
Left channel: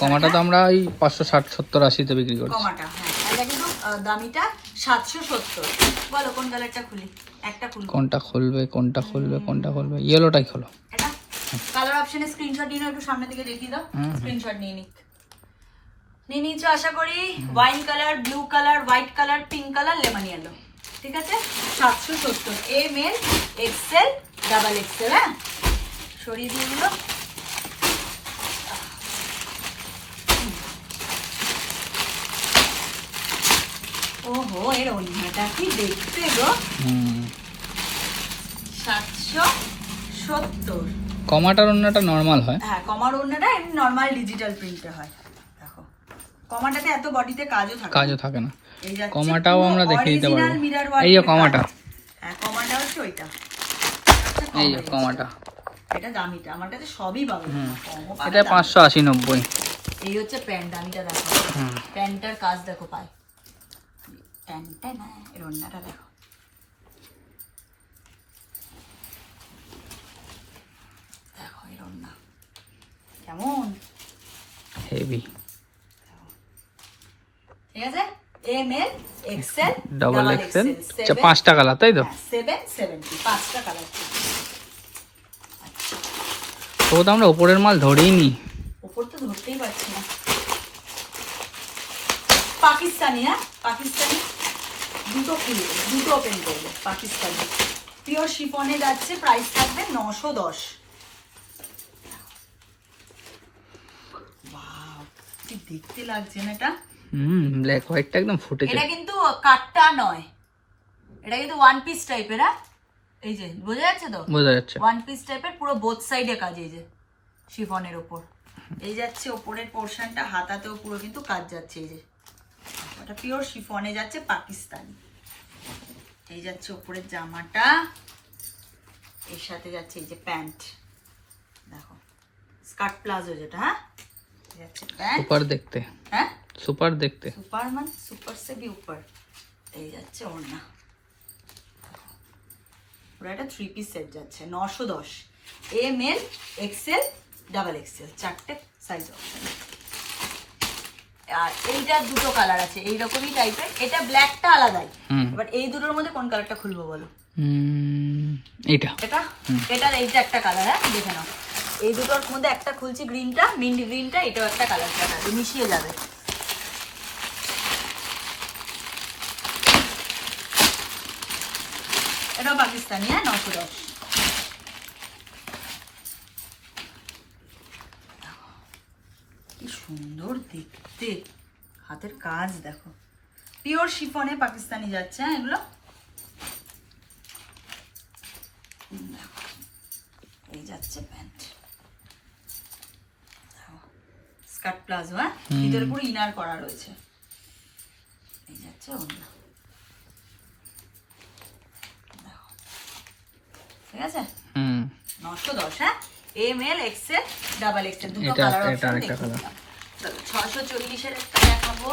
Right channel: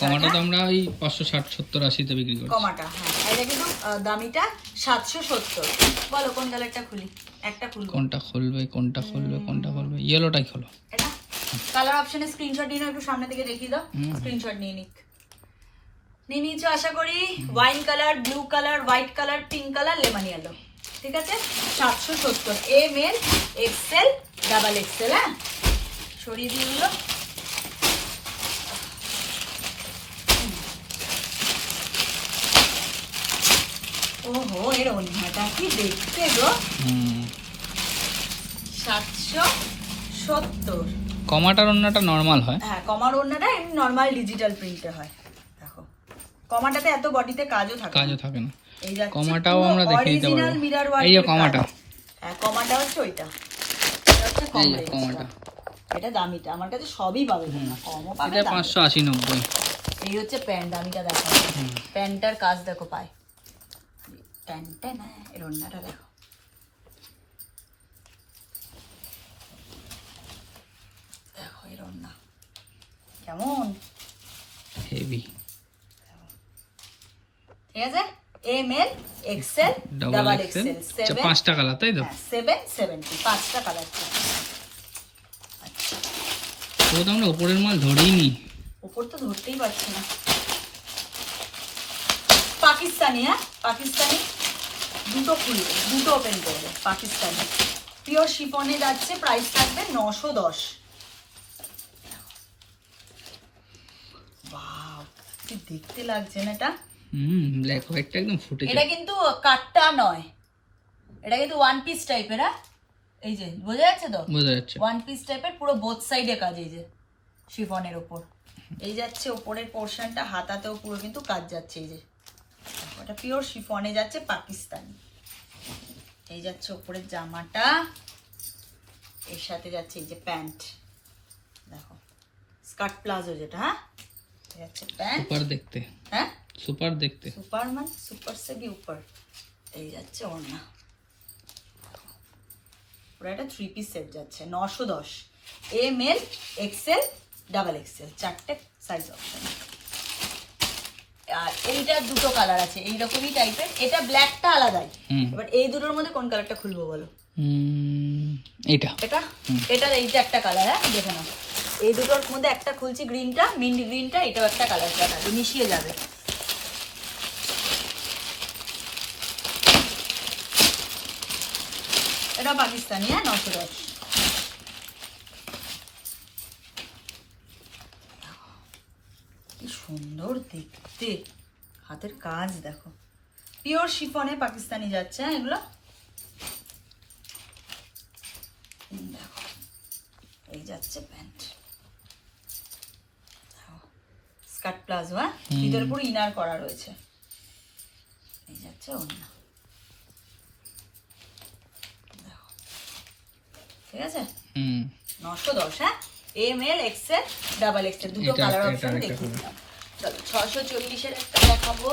কমাটা তো আমরা ওই 560-70-80 বিক্রি করছি। কমাটা, হ্যাঁ, এটা কিন্তু দামিটা 770। বলো কোন কালারটা খুলি? একটা খুলি। কোনটা খুলবে? ইয়েলোটাই খোলো। এটা কালার অপশনে স্ক্রিনশট নিয়ে নাও, একটু সামনে থেকে দেখিয়ে দাও। স্ক্রিনশট নিয়ে নিয়েছো আশা করি। Wine colour, blue colour, white colour, pink colour, lemon yellow. ঠিক আছে, 770 ml এক্সেল ডাবল এক্সেল। হ্যাঁ, সরিয়ে দিগুলো। ওহো, এর ওন্নাটা কি দেখতে গো। 770। কমাটার ওন্নাটা নরমাল হয়। হ্যাঁ, কমার ওন্নাটা এমনি নরমাল ডিজিটাল প্রিন্টে হয়। দেখো, কমাটাতে এত বডিতে কাজও থাকে না। এই যাচ্ছে কমাটাও আমরা দেখে দিতে পারবো। এই যে কমাটা, হ্যাঁ, কমাটা হচ্ছে ওইটা। এই যে কমাটা, এটা দামিটা। আমারটাতে সবই পাবে, কমও পাবে। এটা 580-90। এই হচ্ছে প্যান্ট, দামিটা দেখো। প্যান্টটার কাজ দেখো, পায় প্যান্টটা না, এর ওন্নাটা দেখো। দেখো এর ওন্না কেমন হেভি। ঠিক আছে, ml এক্সেল ডাবল এক্সেল। 5টা কালার, তাই তো? 770, 5টা কালার। তো আমরা উপরের মাল ধরেই নি, উপর তো ধরতেই পারছি না। পাকিস্তানি, হ্যাঁ, পাকিস্তানি। দুটো খুলবে, দুটো ওপেন করবে। পাকিস্তানি পিওর শিফনে যাচ্ছে, প্রাইস থাকবে 910। ওয়াও, কি দেখতে লাগছে না এটা। ব্ল্যাক হোয়াইটটা একদম ফুটেছে। এটা কিন্তু কাটটা নয়, এটা কিন্তু ওয়ান পিস টাইপের। হ্যাঁ, এই যে বোঝা যাচ্ছে তো? বোঝা যাচ্ছে। ওয়ান পিস টাইপের, পুরো বোথ সাইডে কাজ। এই যে শিফনের ওপর এই যাচ্ছে ওপরের পোর্শনটা, হাতাতেও পুরো কিন্তু কাজ যাচ্ছে। এই যে এটা পিওর শিফনে যাচ্ছে, পাকিস্তানি। এই যাচ্ছে ওপরের জামাটা, এর সাথে যাচ্ছে এই যে প্যান্ট। দেখো, স্কার্ট প্লাজো যেটা। হ্যাঁ, যাচ্ছে প্যান্ট। সুপার দেখতে। হ্যাঁ, সুপার দেখতে। সুপার মানে সুপার সে भी ऊपर। এই যাচ্ছে ওড়না, পুরো একটা 3 পিস সেট যাচ্ছে। 910 ml এক্সেল ডাবল এক্সেল, 4টে সাইজ অপশন। আর এইটা দুটো কালার আছে এইরকমই টাইপের। এটা ব্ল্যাকটা আলাদাই। এবার এই দুটোর মধ্যে কোন কালারটা খুলবো বলো? এটা এটার এইটা একটা কালার। হ্যাঁ, দেখে নাও। এই দুটোর মধ্যে একটা খুলছি, গ্রিনটা, মিন্ট গ্রিনটা। এটাও একটা কালার, মিশিয়ে যাবে। এটা পাকিস্তানি। হ্যাঁ, 910। কি সুন্দর দেখতে, হাতের কাজ দেখো। পিওর শিফনে পাকিস্তানি যাচ্ছে। হ্যাঁ, এগুলো দেখো। এই যাচ্ছে প্যান্ট, স্কার্ট প্লাজো। হ্যাঁ, ভিতরে পুরো ইনার করা রয়েছে। এই যাচ্ছে ওড়না। দেখো, ঠিক আছে। 910। হ্যাঁ, ml এক্সেল ডাবল এক্সেল, দুটো কালার অপশন দেখিয়ে দিলাম। চলো 640-এর একটা দেখাবো।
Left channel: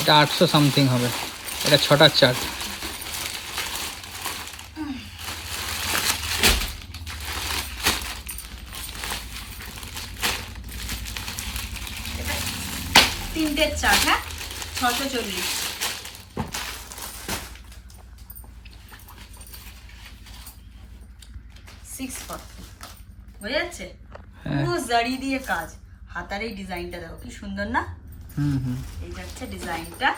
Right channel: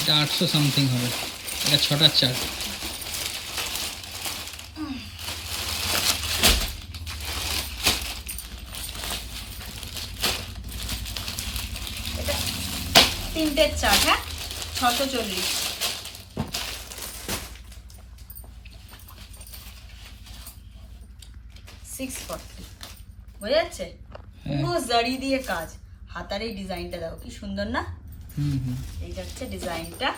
এটা 800 সামথিং হবে। এটা 6টার চার্ট। এটা 3টের চার্ট। হ্যাঁ, 640। বোঝা যাচ্ছে? পুরো জারি দিয়ে কাজ। হাতার এই ডিজাইনটা দেখো কি সুন্দর না। এই যাচ্ছে ডিজাইনটা,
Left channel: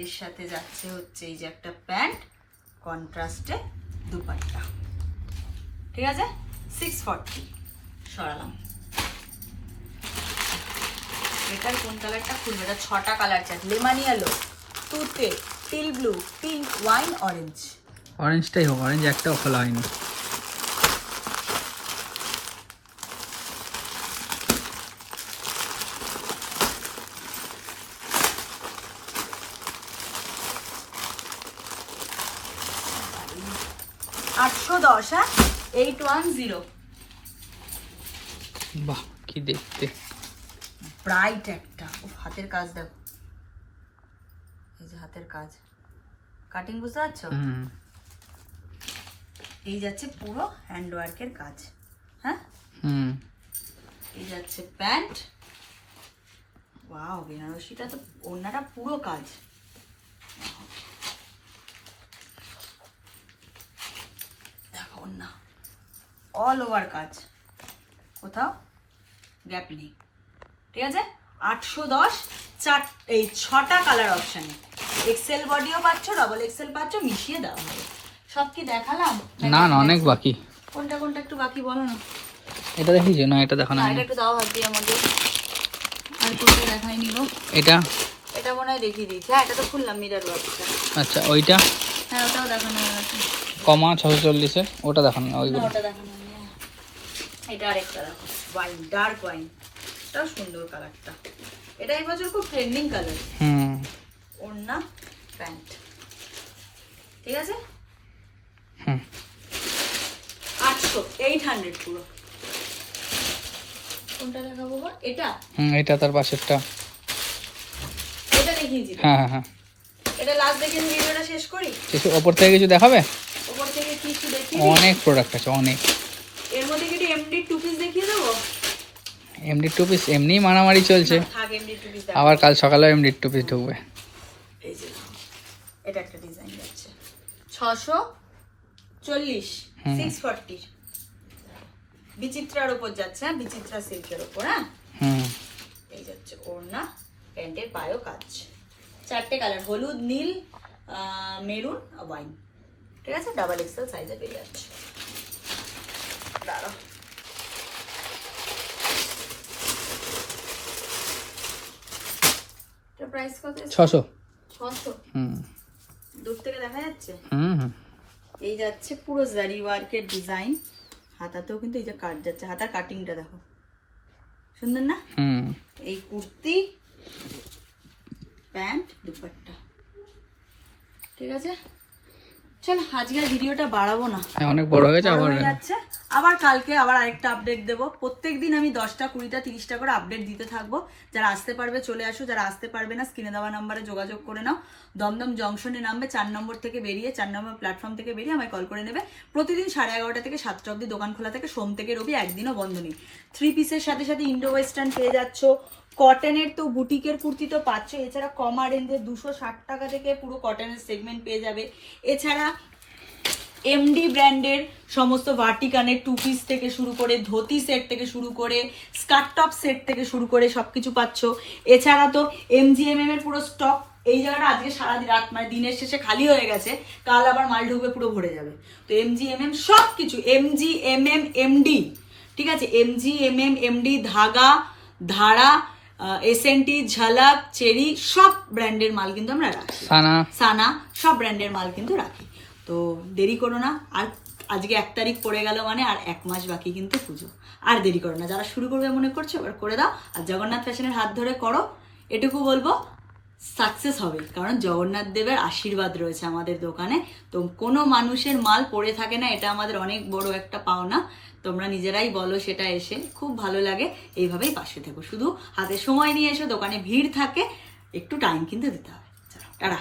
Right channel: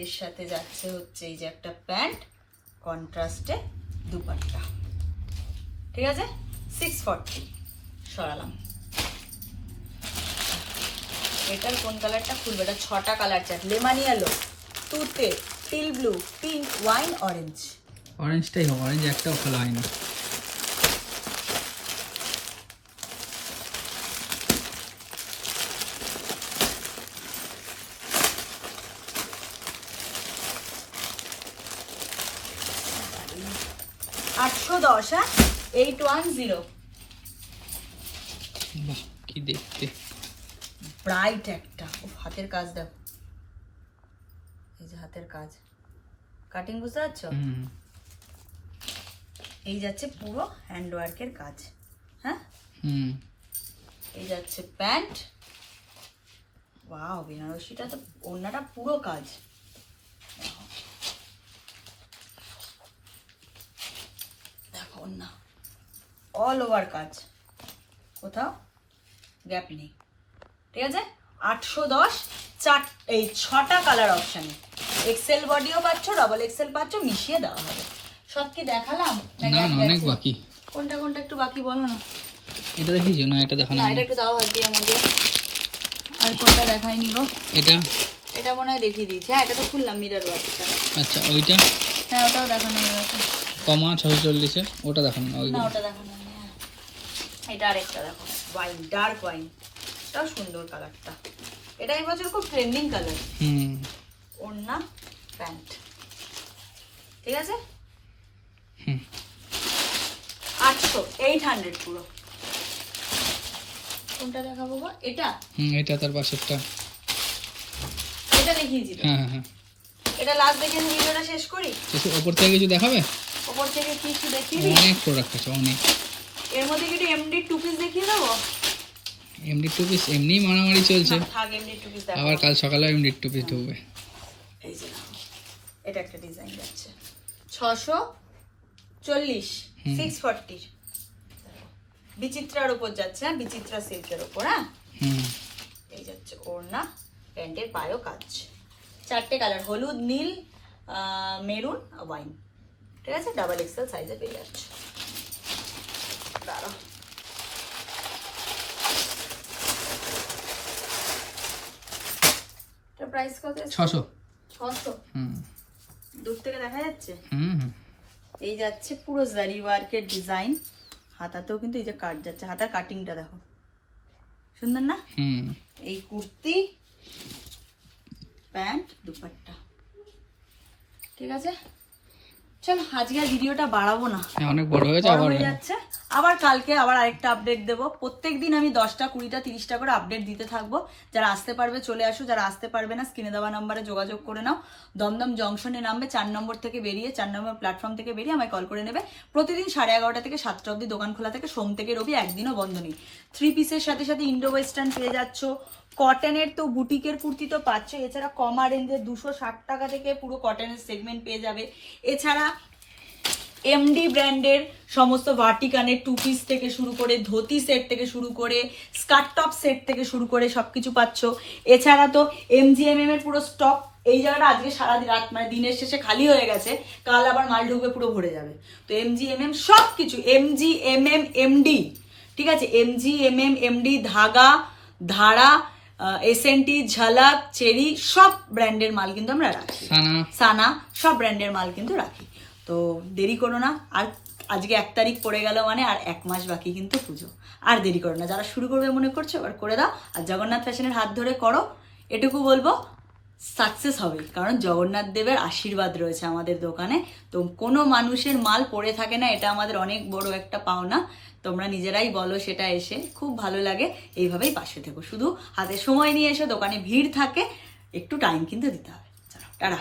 এর সাথে যাচ্ছে হচ্ছে এই যে একটা প্যান্ট, কন্ট্রাস্টে দুপাট্টা। ঠিক আছে, 640 সরালাম। এটার কোন কালারটা খুলবে? এটা 6টা কালার চার্ট। লেমন ইয়েলো, তুতে, teal blue, pink, wine, orange. অরেঞ্জটাই হোক, অরেঞ্জ একটাও খোলা হয়নি। 810, হ্যাঁ 810। বাহ কি দেখতে, ব্রাইট একটা। হাতের কাজ দেখো, এই যে হাতের কাজ, কাটিং বুঝতে পারছো? এই যাচ্ছে পুরো হ্যান্ড ওয়ার্কের কাজ, হ্যাঁ। এই যাচ্ছে প্যান্ট। ওয়াও, বেনারসিটা তো ওড়নাটা পুরো কাজ। দেখো ওড়না অল ওভার কাজ, কোথাও গ্যাপ নেই। ঠিক আছে, 810, এই 6টা কালার অপশানে। এক্সেল বডিও পাচ্ছ, ডবল এক্সেল পাচ্ছ, মিশিয়ে দেওয়া হবে। সব কি দেখালাম? না না, অনেক বাকি। কোনটা কোনটা একটু বাকি বলো না। এটা দেখিয়েছো না? এটা দেখানো না, এটা একটু দাও হাতে আমাদের। আর কোনটা দেখাইনি গো? এটা এটা মনে হয় দেখিয়ে দিয়েছি। হ্যাঁ, এটা তো খুললাম, মিরর ওয়ার্কটা। আচ্ছা, ওইটা হ্যাঁ, ওটাও দেখানো হয়ে গেছে। কমা 640, ওটা দেখানো না, না, ওইগুলো। ওটা দেখানো হয়নি। এটা আরেকটা দেখো, ওয়াইন, ডার্ক ওয়াইন। এটাও সুন্দর কালারটা। এটা এই বছর খুব ট্রেন্ডিং কালার। ওড়না, প্যান্ট। ঠিক আছে, 800 পুরো। কোনটা দেখাবো গো? এটা এটা তার পাশেরটা। এটা দেখিয়েছি। হ্যাঁ হ্যাঁ, এটা লাস্ট দেখে ভিডিওটা শেষ করি। ওপর থেকে কিছু দেখাবে? ওপর থেকে কিছু দেখি। অনেক প্রোডাক্ট আছে, অনেক। এর মধ্যে কি এমডি 2 পিস দেখিয়ে দেবো? এমডি 2 পিস এমনি মারামারি চলছে, থাক, এমডি 2 পিস আবার কাল সকালে এমডি 2 পিস ঢুকবে। এই যে দেখো, এটা একটা ডিজাইন যাচ্ছে 640, 640 বিচিত্রার উপর যাচ্ছে। হ্যাঁ, বিচিত্রা সিল্কের উপর। হ্যাঁ, এই যাচ্ছে ওড়না, প্যান্টের পায়ও কাজ। 4টে কালার, হলুদ, নীল, মেরুন, ওয়াইন। ঠিক আছে, ডাবল এক্সেল সাইজে পেয়ে যাচ্ছে। দাঁড়াও, এটা প্রাইস কত? 600। 600। দূর থেকে দেখা যাচ্ছে। এই যাচ্ছে পুরো জারি ওয়ার্কের ডিজাইন। হাতাতেও কিন্তু এই যে কাট যাচ্ছে, হাতার কাটিংটা দেখো, সুন্দর না? এই কুর্তি, প্যান্ট, দুপাট্টা। ঠিক আছে, চল আজকে ভিডিওটা বাড়াবো না, অনেক বড় হয়ে গেছে। বড় হয়ে যাচ্ছে। আবার কালকে আবার আরেকটা আপডেট দেবো। প্রত্যেকদিন আমি 10টা 20টা 30টা করে আপডেট দিতে থাকবো। যারা আসতে পারবে চলে আসো, যারা আসতে পারবে না স্ক্রিনে দেওয়া নাম্বারে যোগাযোগ করে নাও। দমদম জংশনে নামবে, 4 নম্বর থেকে বেরিয়ে, 4 নম্বর প্ল্যাটফর্ম থেকে বেরিয়ে আমায় কল করে নেবে। প্রতিদিন 11:30 থেকে 7টা অবধি দোকান খোলা থেকে, সোম থেকে রবি, একদিনও বন্ধ নেই। 3 পিসের সাথে সাথে ইন্ডো ওয়েস্টার্ন পেয়ে যাচ্ছ। কটনের তো বুটিকের কুর্তি তো পাচ্ছ, এছাড়া কমা রেঞ্জে 260 টাকা থেকে পুরো কটনের সেগমেন্ট পেয়ে যাবে। এছাড়া এমডি ব্র্যান্ডের সমস্ত ভার্টিকানের 2 পিস থেকে শুরু করে, ধুতি সেট থেকে শুরু করে, স্কার্ট টপ সেট থেকে শুরু করে সবকিছু পাচ্ছ। এছাড়া তো এমজিএমএম এর পুরো স্টক এই জায়গাটা আজকে সারাদিন রাত মানে দিনের শেষে খালি হয়ে গেছে, কাল আবার মাল ঢুকবে, পুরো ভরে যাবে। তো এমজিএমএম সবকিছু, এমজিএমএম এমডি, ঠিক আছে, এমজিএমএম এমডি, ধাগা, ধারা, এসএনটি, ঝলক, চেরি, সব ব্র্যান্ডের মাল কিন্তু আমরা রাখি। সানা, সব ব্র্যান্ডের মাল কিন্তু রাখি। তো দেরি করো না। আর আজকে 1 তারিখ পড়ে গেল মানে আর 1 মাস বাকি কিন্তু পুজো। আর দেরি করো না, যারা শুরু করবে মনে করছো এবার করে দাও। আর জগন্নাথ ফ্যাশনের হাত ধরে করো, এটুকু বলবো, সাকসেস হবে। কারণ জগন্নাথ দেবের আশীর্বাদ রয়েছে আমাদের দোকানে। তো কোনো মানুষের মাল পড়ে থাকে না, এটা আমাদের অনেক বড় একটা পাওনা। তোমরা নিজেরাই বলো সেটা, এসে খুব ভালো লাগে। এইভাবেই পাশে থেকো, শুধু হাতে সময় নিয়ে এসো, দোকানে ভিড় থাকে, একটু টাইম কিন্তু দিতে হবে। চলো, টাটা।